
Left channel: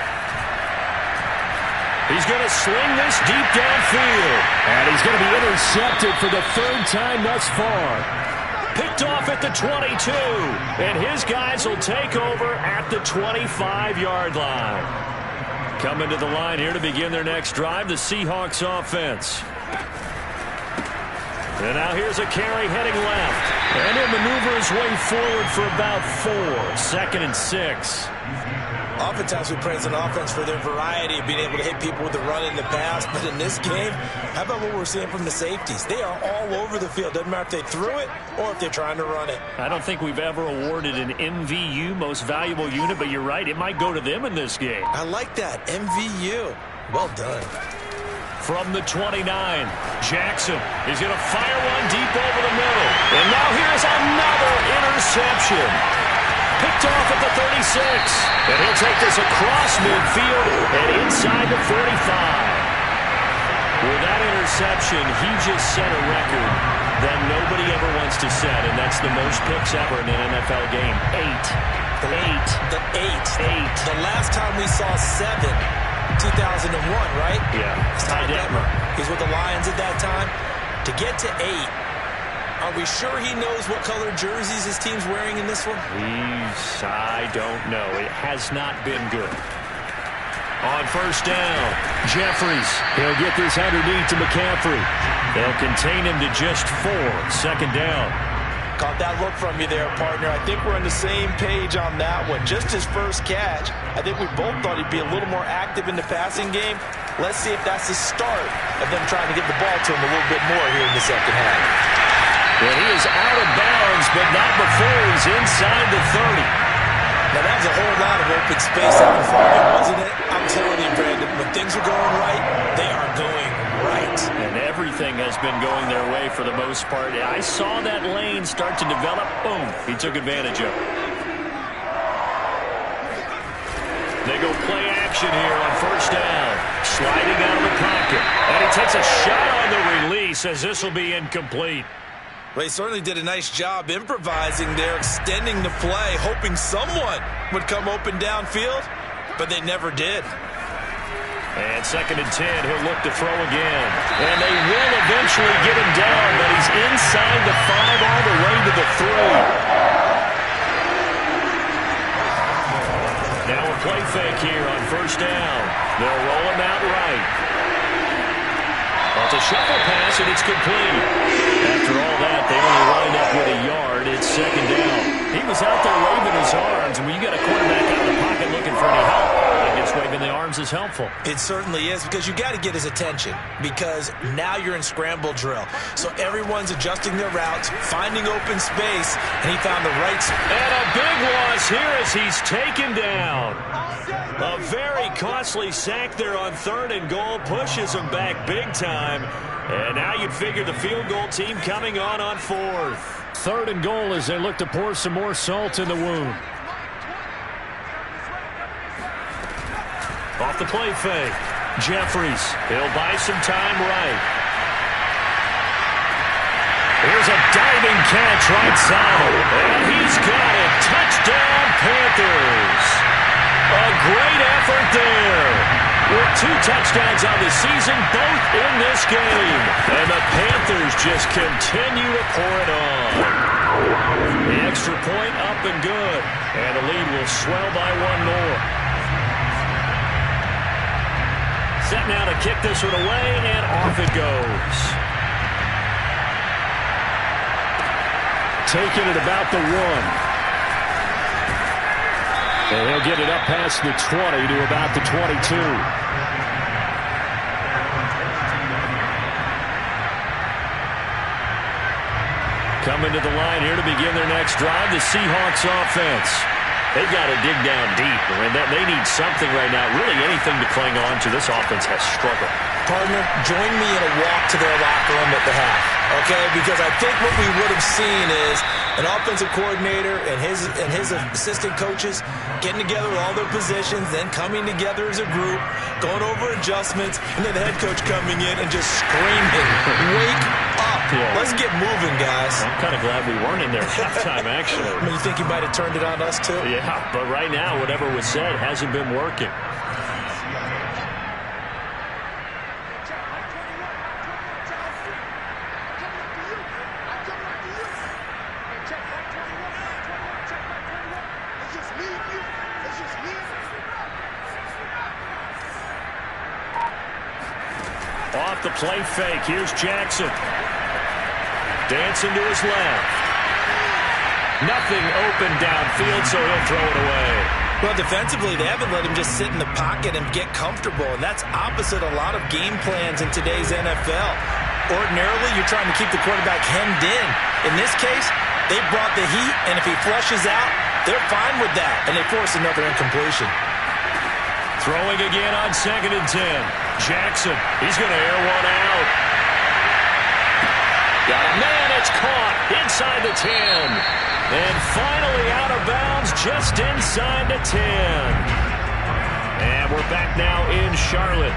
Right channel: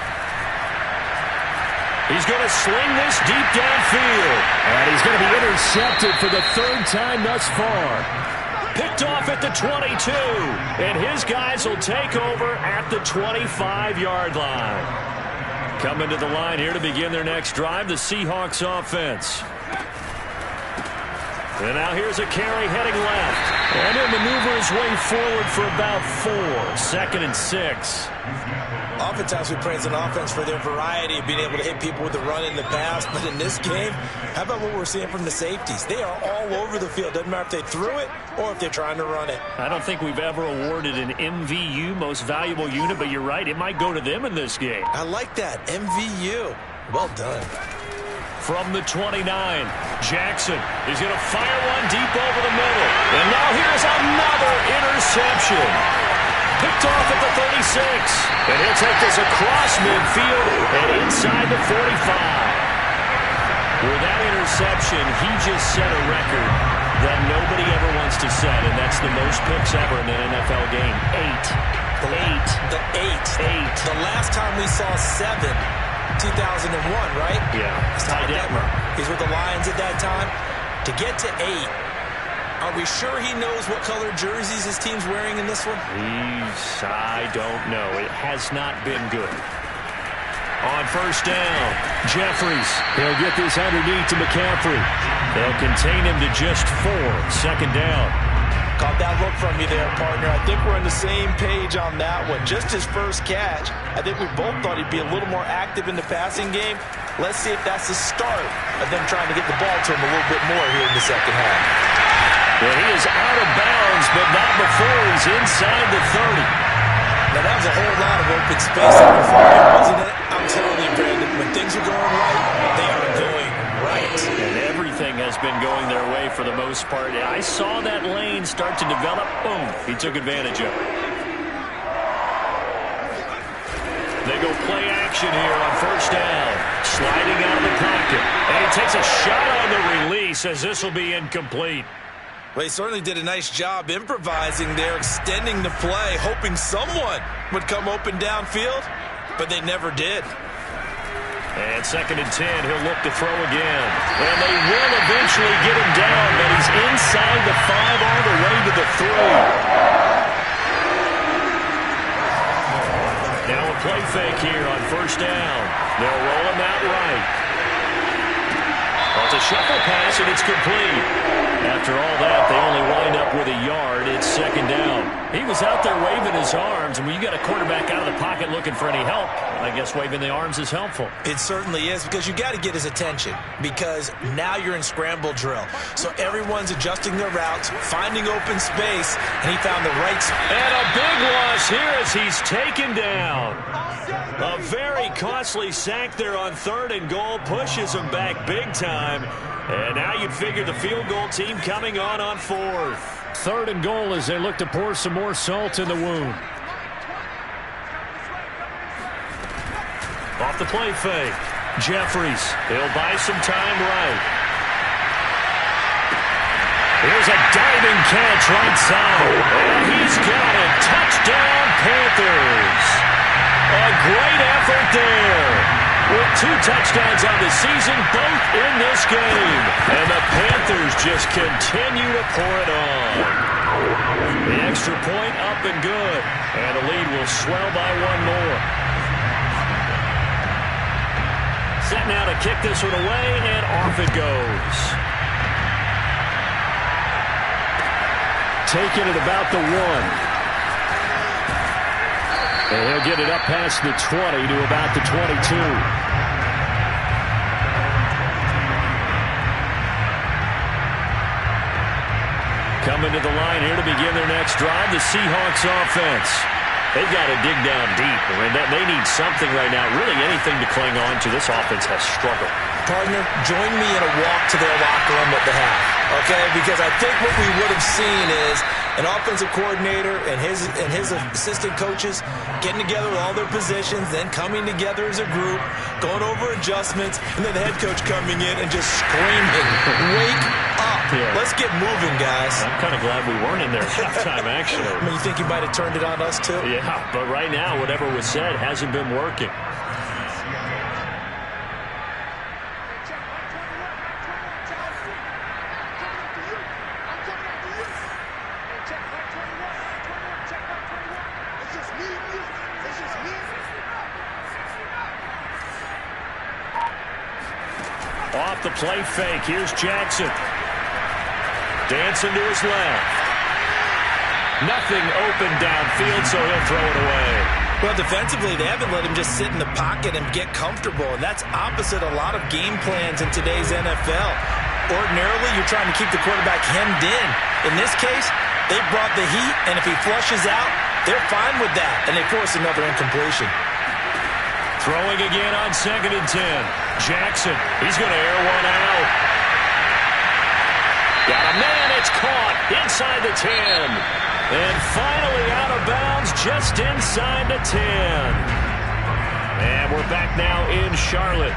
He's going to sling this deep downfield. And he's going to be intercepted for the 3rd time thus far. Picked off at the 22. And his guys will take over at the 25-yard line. Coming to the line here to begin their next drive, the Seahawks offense. And now here's a carry heading left. And he'll maneuver his way forward for about 4. 2nd and 6. Oftentimes we praise an offense for their variety of being able to hit people with the run in the pass. But in this game, how about what we're seeing from the safeties? They are all over the field. Doesn't matter if they threw it or if they're trying to run it. I don't think we've ever awarded an MVU, most valuable unit, but you're right. It might go to them in this game. I like that. MVU. Well done. From the 29, Jackson is going to fire one deep over the middle. And now here's another interception. Picked off at the 36. And he'll take this across midfield and inside the 45. With that interception, he just set a record that nobody ever wants to set, and that's the most picks ever in an NFL game. 8. The last time we saw 7, 2001, right? Yeah. Ty Detmer. He's with the Lions at that time. To get to 8, are we sure he knows what color jerseys his team's wearing in this one? I don't know. It has not been good. On 1st down, Jeffries. He'll get this underneath to McCaffrey. They'll contain him to just 4. 2nd down. Caught that look from you there, partner. I think we're on the same page on that one. Just his first catch. I think we both thought he'd be a little more active in the passing game. Let's see if that's the start of them trying to get the ball to him a little bit more here in the second half. And he is out of bounds, but not before he's inside the 30. Now, that was a whole lot of open space out in front of him, wasn't it? I'm telling you, Brandon, when things are going right, they are going right. And everything has been going their way for the most part. I saw that lane start to develop. Boom. He took advantage of it. They go play action here on 1st down. Sliding out of the pocket. And he takes a shot on the release as this will be incomplete. Well, he certainly did a nice job improvising there, extending the play, hoping someone would come open downfield, but they never did. And 2nd and 10, he'll look to throw again. And they will eventually get him down, but he's inside the 5 all the way to the 3. Now a play fake here on 1st down. They'll roll him out right. Well, it's a shuffle pass, and it's complete. After all that, they only wind up with a yard. It's 2nd down. He was out there waving his arms, and when you got a quarterback out of the pocket looking for any help, I guess waving the arms is helpful. It certainly is, because you got to get his attention, because now you're in scramble drill. So everyone's adjusting their routes, finding open space, and he found the right spot. And a big loss here as he's taken down. A very costly sack there on 3rd and goal, pushes him back big time. And now you'd figure the field goal team coming on 4th. 3rd and goal as they look to pour some more salt in the wound. Off the play fake. Jeffries. He'll buy some time right. Here's a diving catch right side. And he's got it. Touchdown, Panthers. A great effort there. With 2 touchdowns on the season, both in this game. And the Panthers just continue to pour it on. The extra point up and good. And the lead will swell by 1 more. Set now to kick this one away, and off it goes. Taking it about the 1. And he'll get it up past the 20 to about the 22. Coming to the line here to begin their next drive, the Seahawks offense. They've got to dig down deep. I mean, they need something right now, really anything to cling on to. This offense has struggled. Partner, join me in a walk to their locker room at the half, okay? Because I think what we would have seen is an offensive coordinator and his assistant coaches getting together with all their positions, then coming together as a group, going over adjustments, and then the head coach coming in and just screaming, wake up. Yeah. Let's get moving, guys. I'm kind of glad we weren't in there at halftime, actually. I mean, you think he might have turned it on us, too? Yeah, but right now, whatever was said hasn't been working. Off the play fake, here's Jackson. Dancing to his left. Nothing open downfield, so he'll throw it away. Well, defensively, they haven't let him just sit in the pocket and get comfortable, and that's opposite a lot of game plans in today's NFL. Ordinarily, you're trying to keep the quarterback hemmed in. In this case, they brought the heat, and if he flushes out, they're fine with that, and they force another incompletion. Throwing again on 2nd and 10. Jackson, he's going to air one out. Got a man, it's caught inside the 10. And finally out of bounds just inside the 10. And we're back now in Charlotte.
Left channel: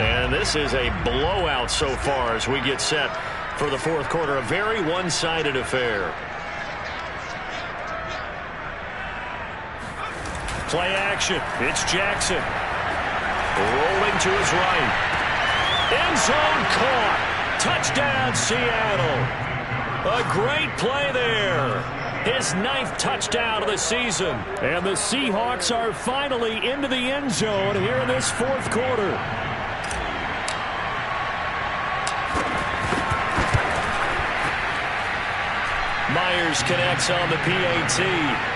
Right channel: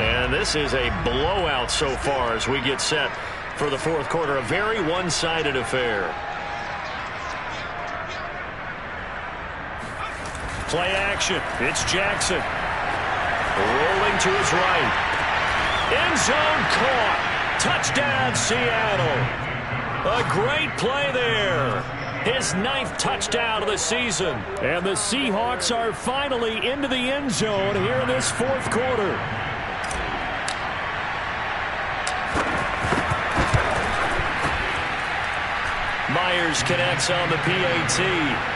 And this is a blowout so far as we get set for the 4th quarter. A very one-sided affair. Play action. It's Jackson. Rolling to his right. End zone caught. Touchdown, Seattle. A great play there. His 9th touchdown of the season. And the Seahawks are finally into the end zone here in this 4th quarter. Myers connects on the PAT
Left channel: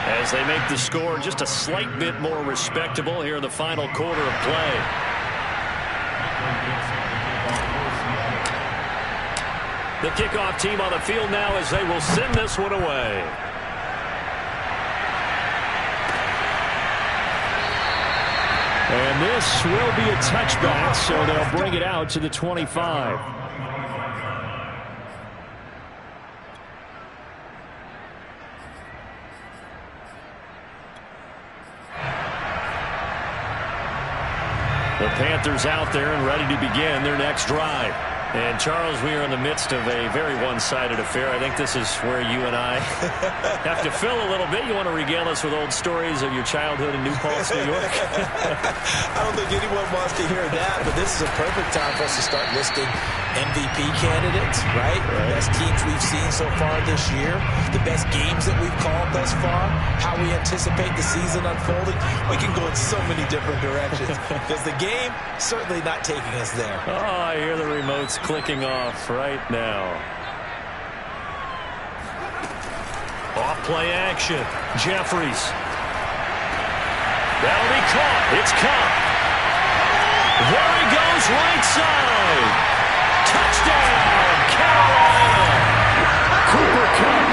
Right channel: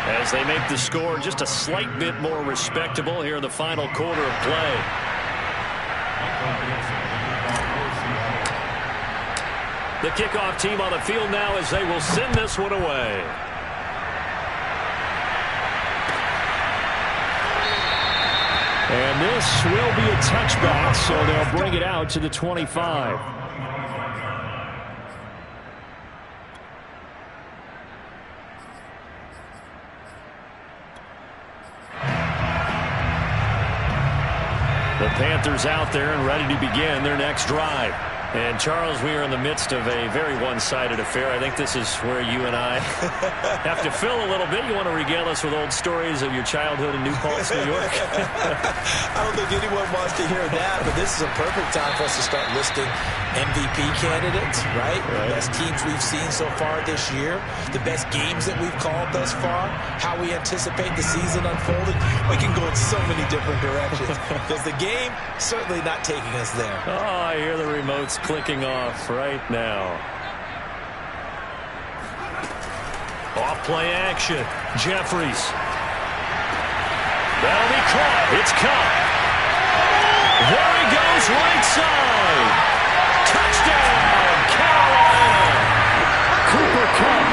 as they make the score just a slight bit more respectable here in the final quarter of play. The kickoff team on the field now as they will send this one away. And this will be a touchback, so they'll bring it out to the 25. The Panthers out there and ready to begin their next drive. And, Charles, we are in the midst of a very one-sided affair. I think this is where you and I have to fill a little bit. You want to regale us with old stories of your childhood in New Paltz, New York? I don't think anyone wants to hear that, but this is a perfect time for us to start listing MVP candidates, right? The best teams we've seen so far this year, the best games that we've called thus far, how we anticipate the season unfolding. We can go in so many different directions because the game certainly not taking us there. Oh, I hear the remotes clicking off right now. Off play action. Jeffries. That'll be caught. It's Kupp. There he goes, right side. Touchdown, Carolina. Cooper Kupp,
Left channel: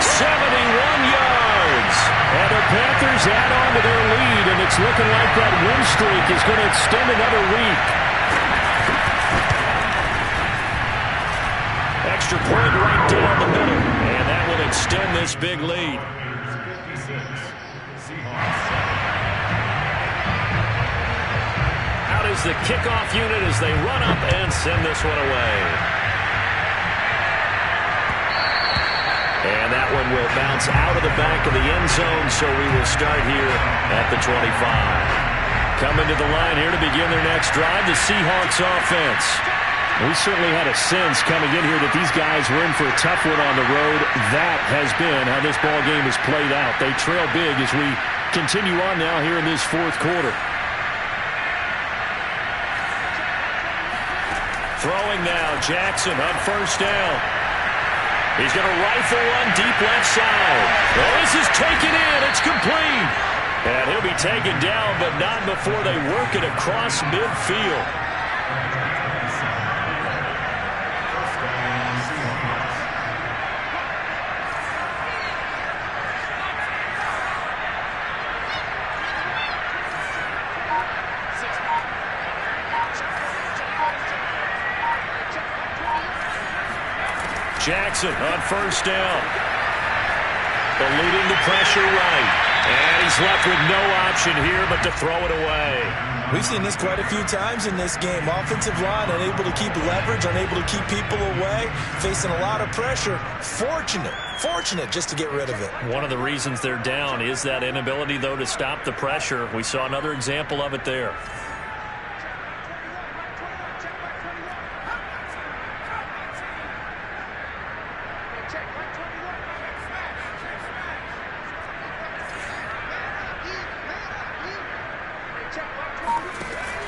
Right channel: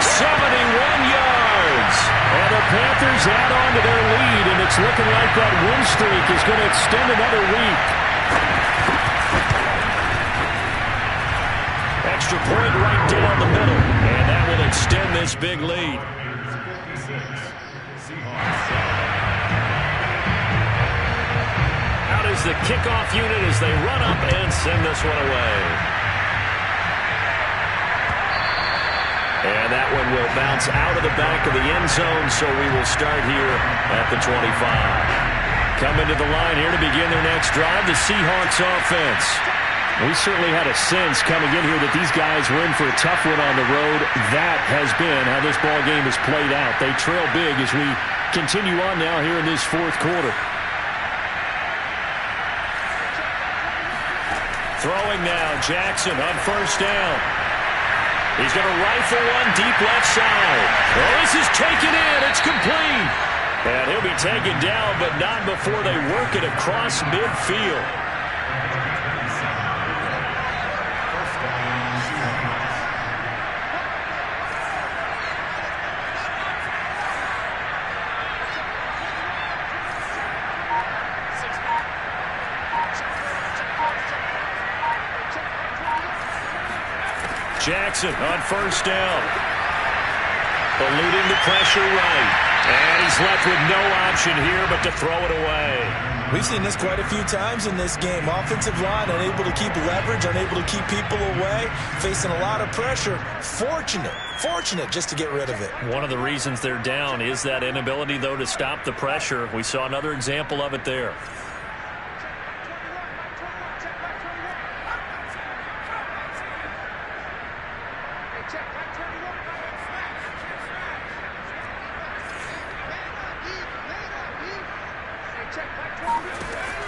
71 yards. And the Panthers add on to their lead, and it's looking like that win streak is going to extend another week. Extra point right down the middle, and that will extend this big lead. Out is the kickoff unit as they run up and send this one away. And that one will bounce out of the back of the end zone, so we will start here at the 25. Coming to the line here to begin their next drive, the Seahawks offense. We certainly had a sense coming in here that these guys were in for a tough one on the road. That has been how this ball game has played out. They trail big as we continue on now here in this fourth quarter. Throwing now, Jackson on first down. He's going to rifle one deep left side. Oh, this is taken in. It's complete. And he'll be taken down, but not before they work it across midfield. Jackson on first down. Eluding the pressure right. And he's left with no option here but to throw it away. We've seen this quite a few times in this game. Offensive line unable to keep leverage, unable to keep people away, facing a lot of pressure. Fortunate just to get rid of it. One of the reasons they're down is that inability, though, to stop the pressure. We saw another example of it there.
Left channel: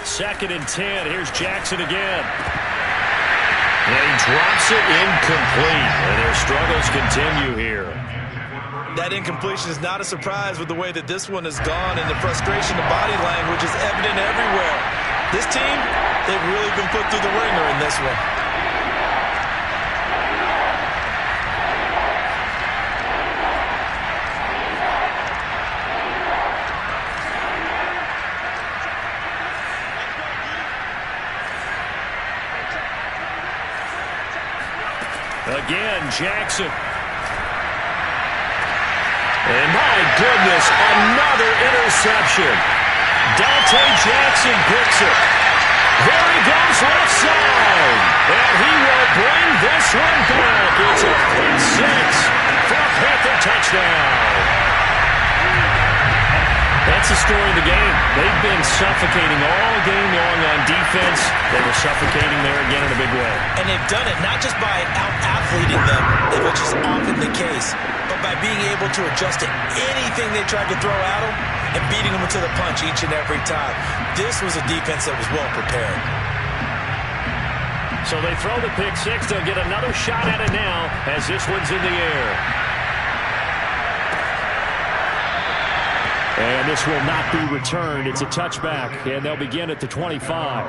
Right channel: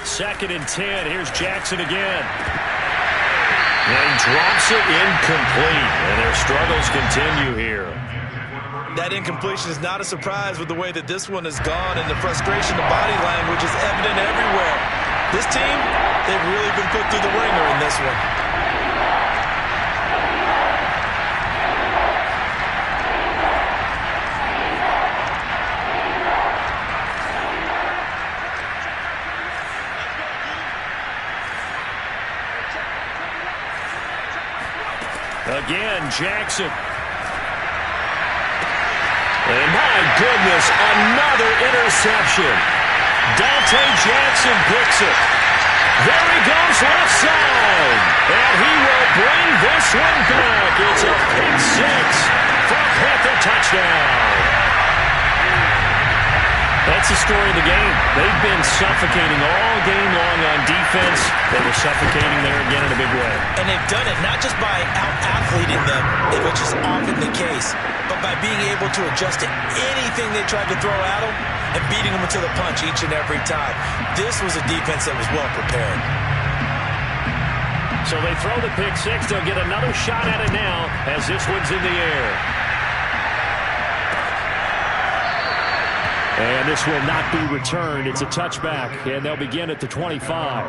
Second and 10. Here's Jackson again. And he drops it incomplete. And their struggles continue here. That incompletion is not a surprise with the way that this one has gone, and the frustration, the body language is evident everywhere. This team, they've really been put through the ringer in this one. Again, Jackson. And my goodness, another interception. Dante Jackson picks it. There he goes left side. And he will bring this one back. It's a pick six for a Panther touchdown. That's the story of the game. They've been suffocating all game long on defense. They were suffocating there again in a big way. And they've done it not just by out-athleting them, which is often the case, but by being able to adjust to anything they tried to throw at them and beating them to the punch each and every time. This was a defense that was well prepared. So they throw the pick six. They'll get another shot at it now as this one's in the air. And this will not be returned. It's a touchback, and they'll begin at the 25.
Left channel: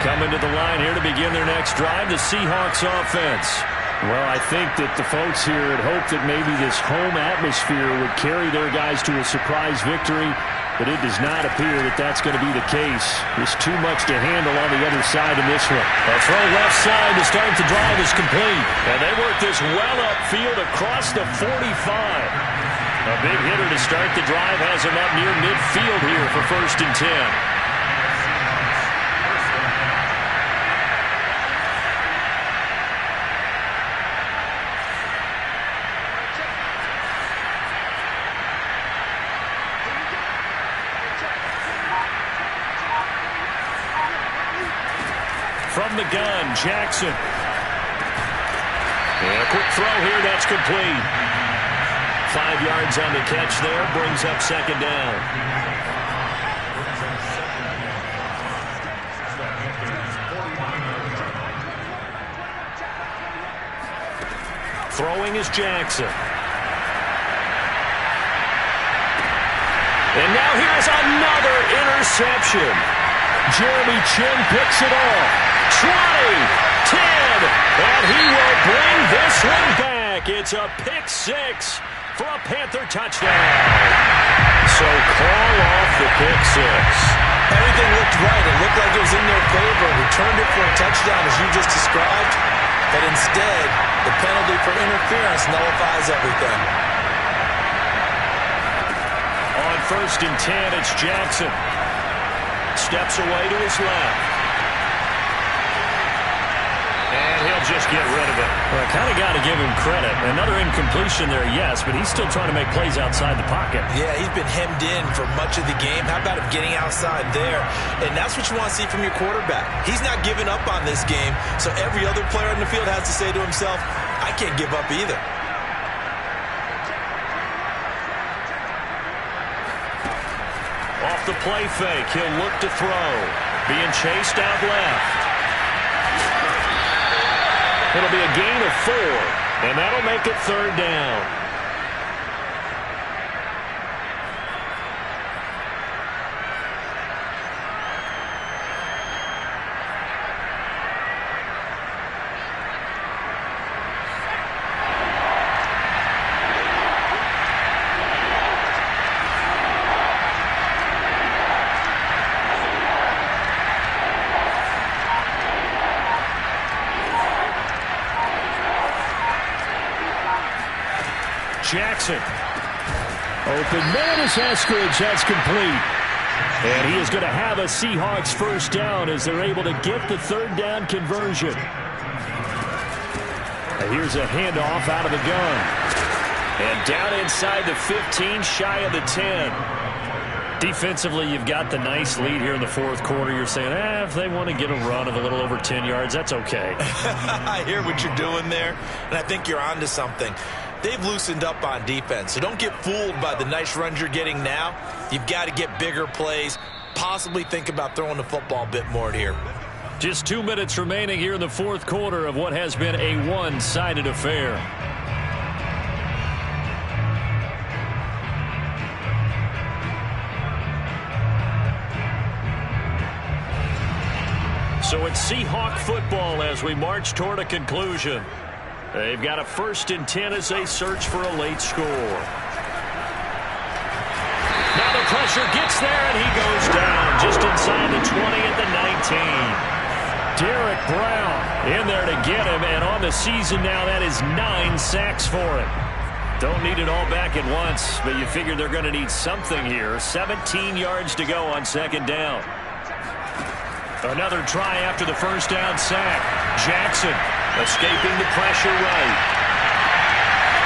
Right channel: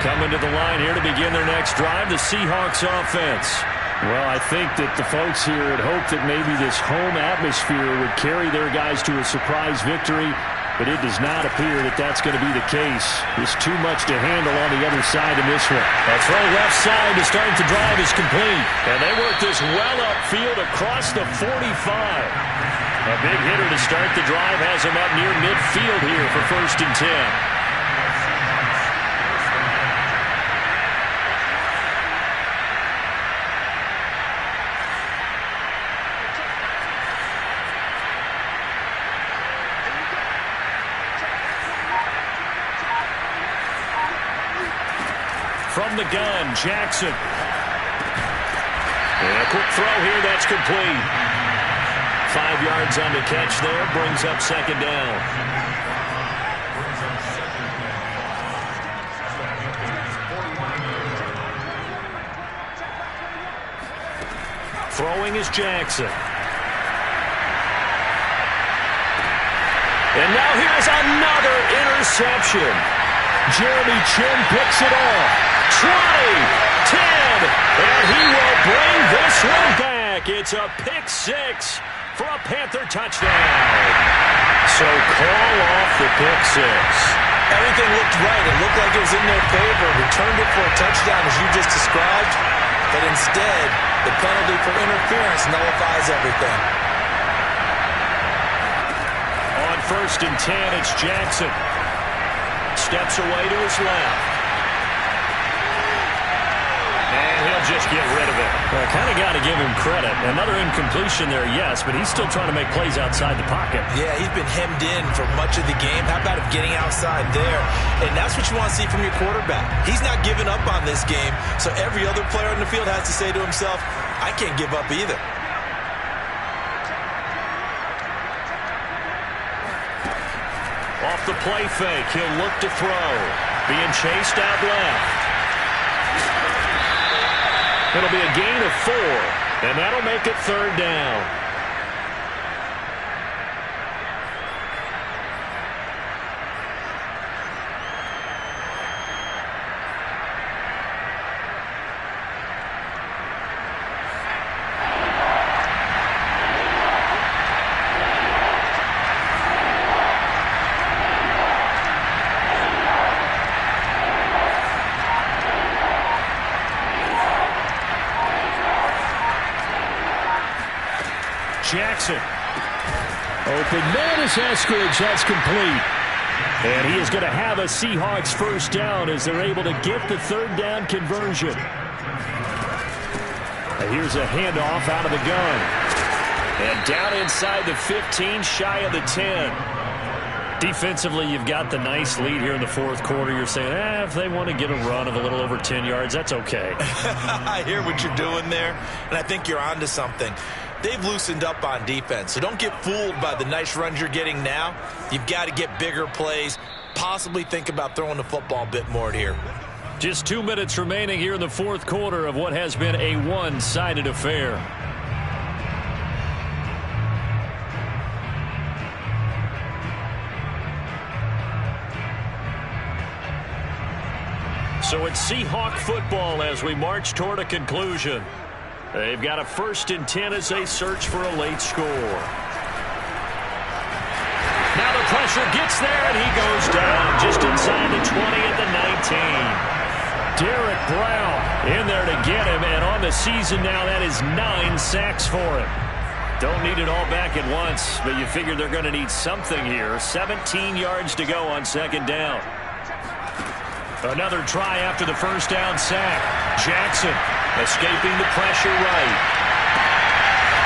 Coming to the line here to begin their next drive, the Seahawks offense. Well, I think that the folks here had hoped that maybe this home atmosphere would carry their guys to a surprise victory, but it does not appear that that's going to be the case. There's too much to handle on the other side in this one. A throw left side to start the drive is complete. And they work this well upfield across the 45. A big hitter to start the drive has him up near midfield here for 1st and 10. From the gun, Jackson. And a quick throw here, that's complete. 5 yards on the catch there, brings up second down. Throwing is Jackson. And now here is another interception. Jeremy Chinn picks it off. 20, 10, and he will bring this one back. It's a pick six for a Panther touchdown. So call off the pick six. Everything looked right. It looked like it was in their favor. Returned it for a touchdown, as you just described. But instead, the penalty for interference nullifies everything. On 1st and 10, it's Jackson. Steps away to his left. And he'll just get rid of it. Well, I kind of got to give him credit. Another incompletion there, yes, but he's still trying to make plays outside the pocket. Yeah, he's been hemmed in for much of the game. How about him getting outside there? And that's what you want to see from your quarterback. He's not giving up on this game, so every other player on the field has to say to himself, I can't give up either. Off the play fake, he'll look to throw. Being chased out left. It'll be a gain of 4, and that'll make it 3rd down. Jackson. Open man is Eskridge. That's complete. And he is going to have a Seahawks first down as they're able to get the 3rd down conversion. Here's a handoff out of the gun. And down inside the 15, shy of the 10. Defensively, you've got the nice lead here in the 4th quarter. You're saying, if they want to get a run of a little over 10 yards, that's okay. I hear what you're doing there, and I think you're onto something. They've loosened up on defense, so don't get fooled by the nice runs you're getting now. You've got to get bigger plays, possibly think about throwing the football a bit more here. Just 2 minutes remaining here in the 4th quarter of what has been a one-sided affair. So it's Seahawk football as we march toward a conclusion. They've got a 1st and 10 as they search for a late score. Now the pressure gets there, and he goes down just inside the 20 at the 19. Derek Brown in there to get him, and on the season now, that is 9 sacks for him. Don't need it all back at once, but you figure they're going to need something here. 17 yards to go on 2nd down. Another try after the 1st down sack. Jackson escaping the pressure right.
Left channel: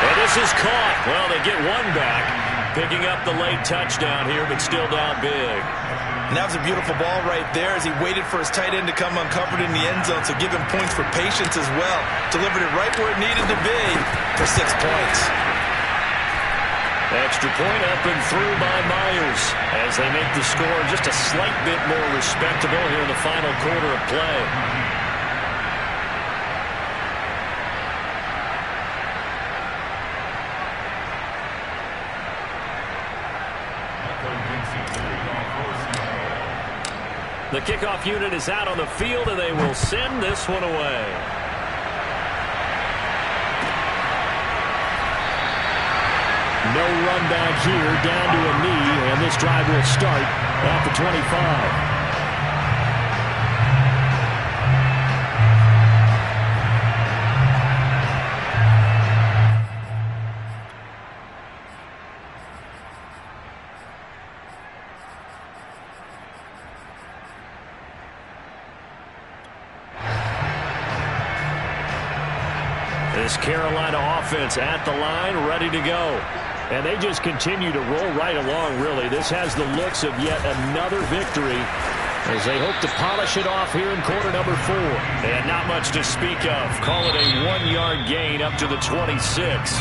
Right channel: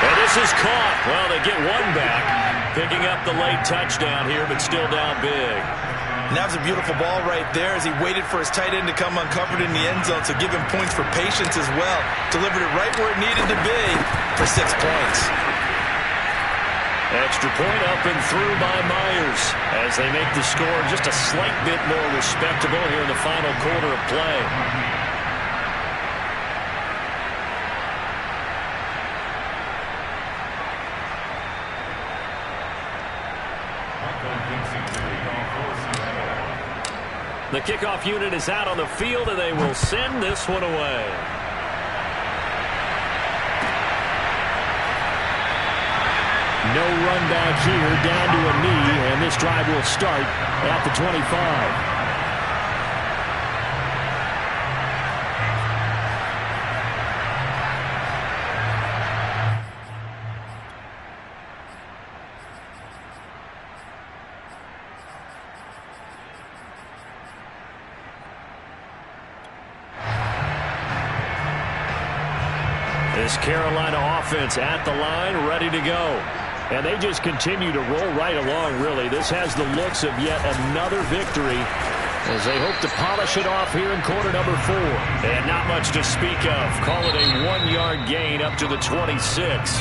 And this is caught. Well, they get one back. Picking up the late touchdown here, but still down big. And that was a beautiful ball right there as he waited for his tight end to come uncovered in the end zone, so give him points for patience as well. Delivered it right where it needed to be for 6 points. Extra point up and through by Myers as they make the score just a slight bit more respectable here in the final quarter of play. The kickoff unit is out on the field, and they will send this one away. No run back here, down to a knee, and this drive will start at the 25. This Carolina offense at the line, ready to go. And they just continue to roll right along, really. This has the looks of yet another victory as they hope to polish it off here in quarter number 4. And not much to speak of. Call it a 1-yard gain up to the 26.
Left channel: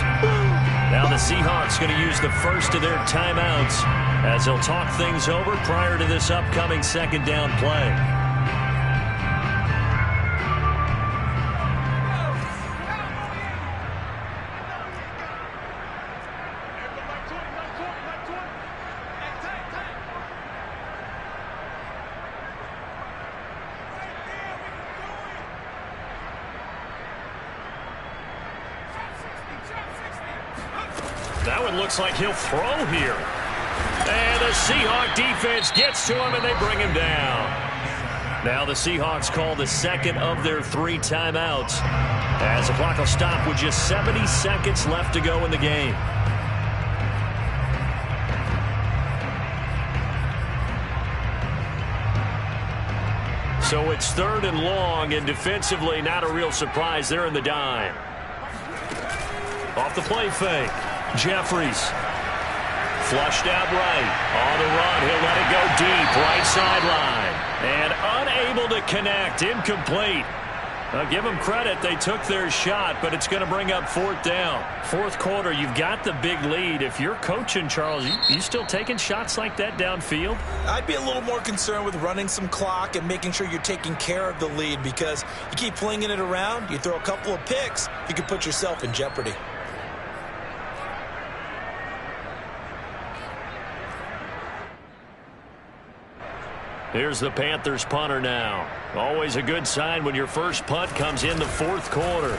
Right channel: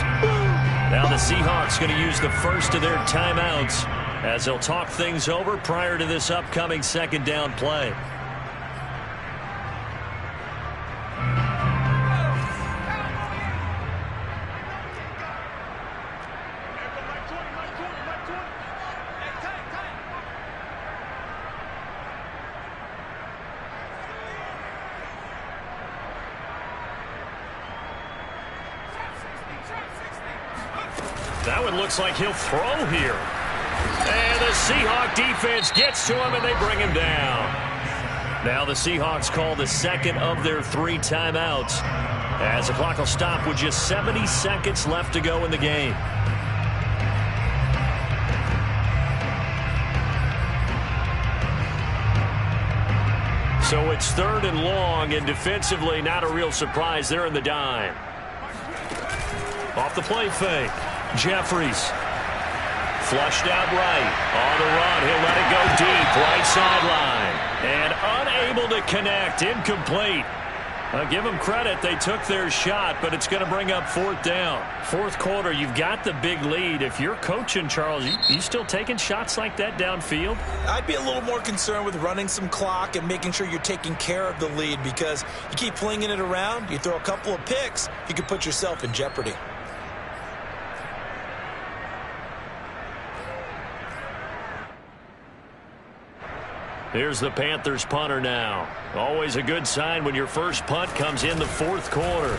Now the Seahawks going to use the first of their timeouts as they'll talk things over prior to this upcoming second down play. That one looks like he'll throw here. And the Seahawk defense gets to him, and they bring him down. Now the Seahawks call the second of their 3 timeouts as the clock will stop with just 70 seconds left to go in the game. So it's 3rd and long, and defensively not a real surprise. They're in the dime. Off the play fake. Jeffries flushed out right. On the run, he'll let it go deep. Right sideline. And unable to connect. Incomplete. Give them credit. They took their shot, but it's going to bring up 4th down. 4th quarter, you've got the big lead. If you're coaching, Charles, you still taking shots like that downfield? I'd be a little more concerned with running some clock and making sure you're taking care of the lead, because you keep flinging it around, you throw a couple of picks, you can put yourself in jeopardy. Here's the Panthers punter now. Always a good sign when your first punt comes in the 4th quarter.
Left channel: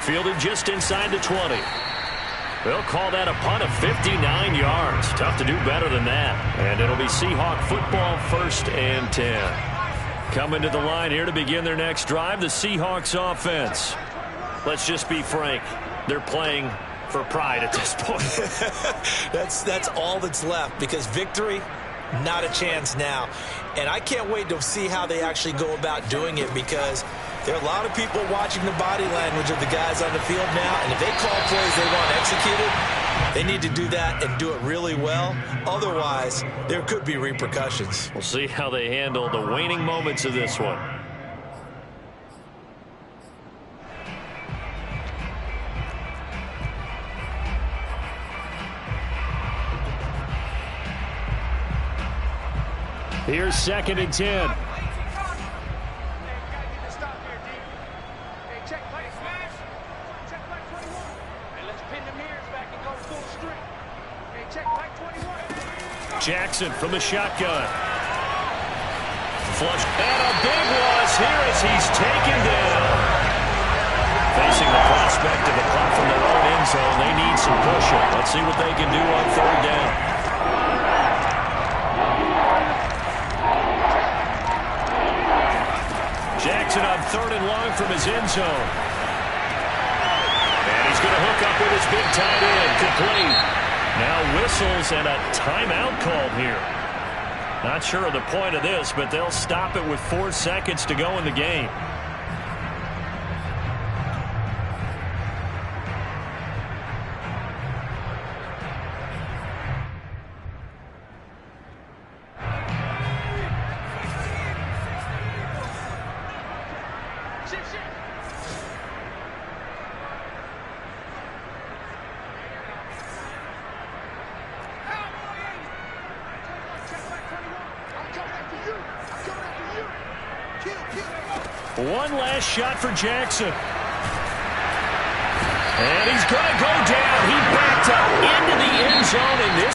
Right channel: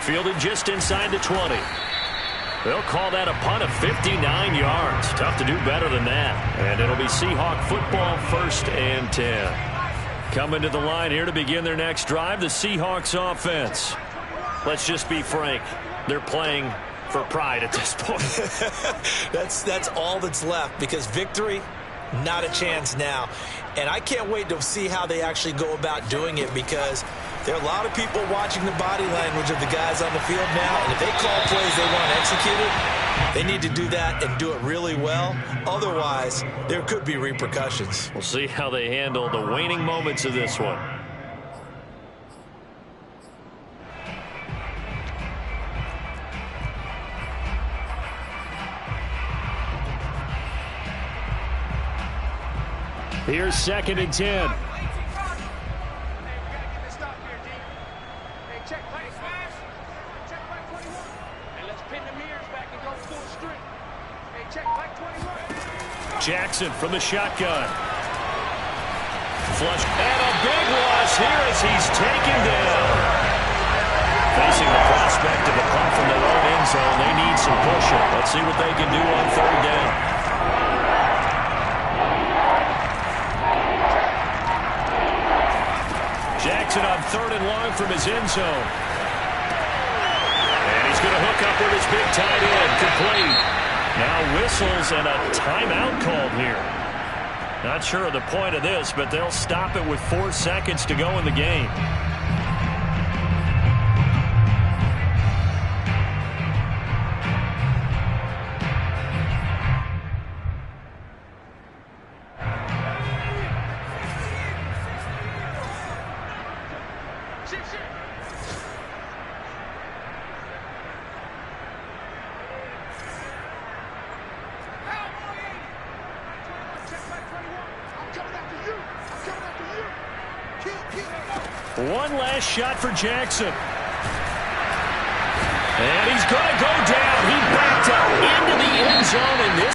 Fielded just inside the 20. They'll call that a punt of 59 yards. Tough to do better than that. And it'll be Seahawk football, 1st and 10. Coming to the line here to begin their next drive, the Seahawks offense. Let's just be frank. They're playing for pride at this point. That's all that's left, because victory, not a chance now. And I can't wait to see how they actually go about doing it, because there are a lot of people watching the body language of the guys on the field now, and if they call plays they want executed, they need to do that and do it really well. Otherwise, there could be repercussions. We'll see how they handle the waning moments of this one. Here's 2nd and 10. Hey, we gotta get this stop here, D. Hey, check play smash. Check play 21. Hey, let's pin the mirrors back and go full strength. Hey, check play 21. Jackson from the shotgun. Flush. And a big loss here as he's taken down. Facing the prospect of a punt from their own end zone, they need some pushing. Let's see what they can do on 3rd down. Jackson on 3rd and long from his end zone. And he's going to hook up with his big tight end. Complete. Now whistles and a timeout called here. Not sure of the point of this, but they'll stop it with 4 seconds to go in the game. One last shot for Jackson. And he's going to go down. He backed up into the end zone, and this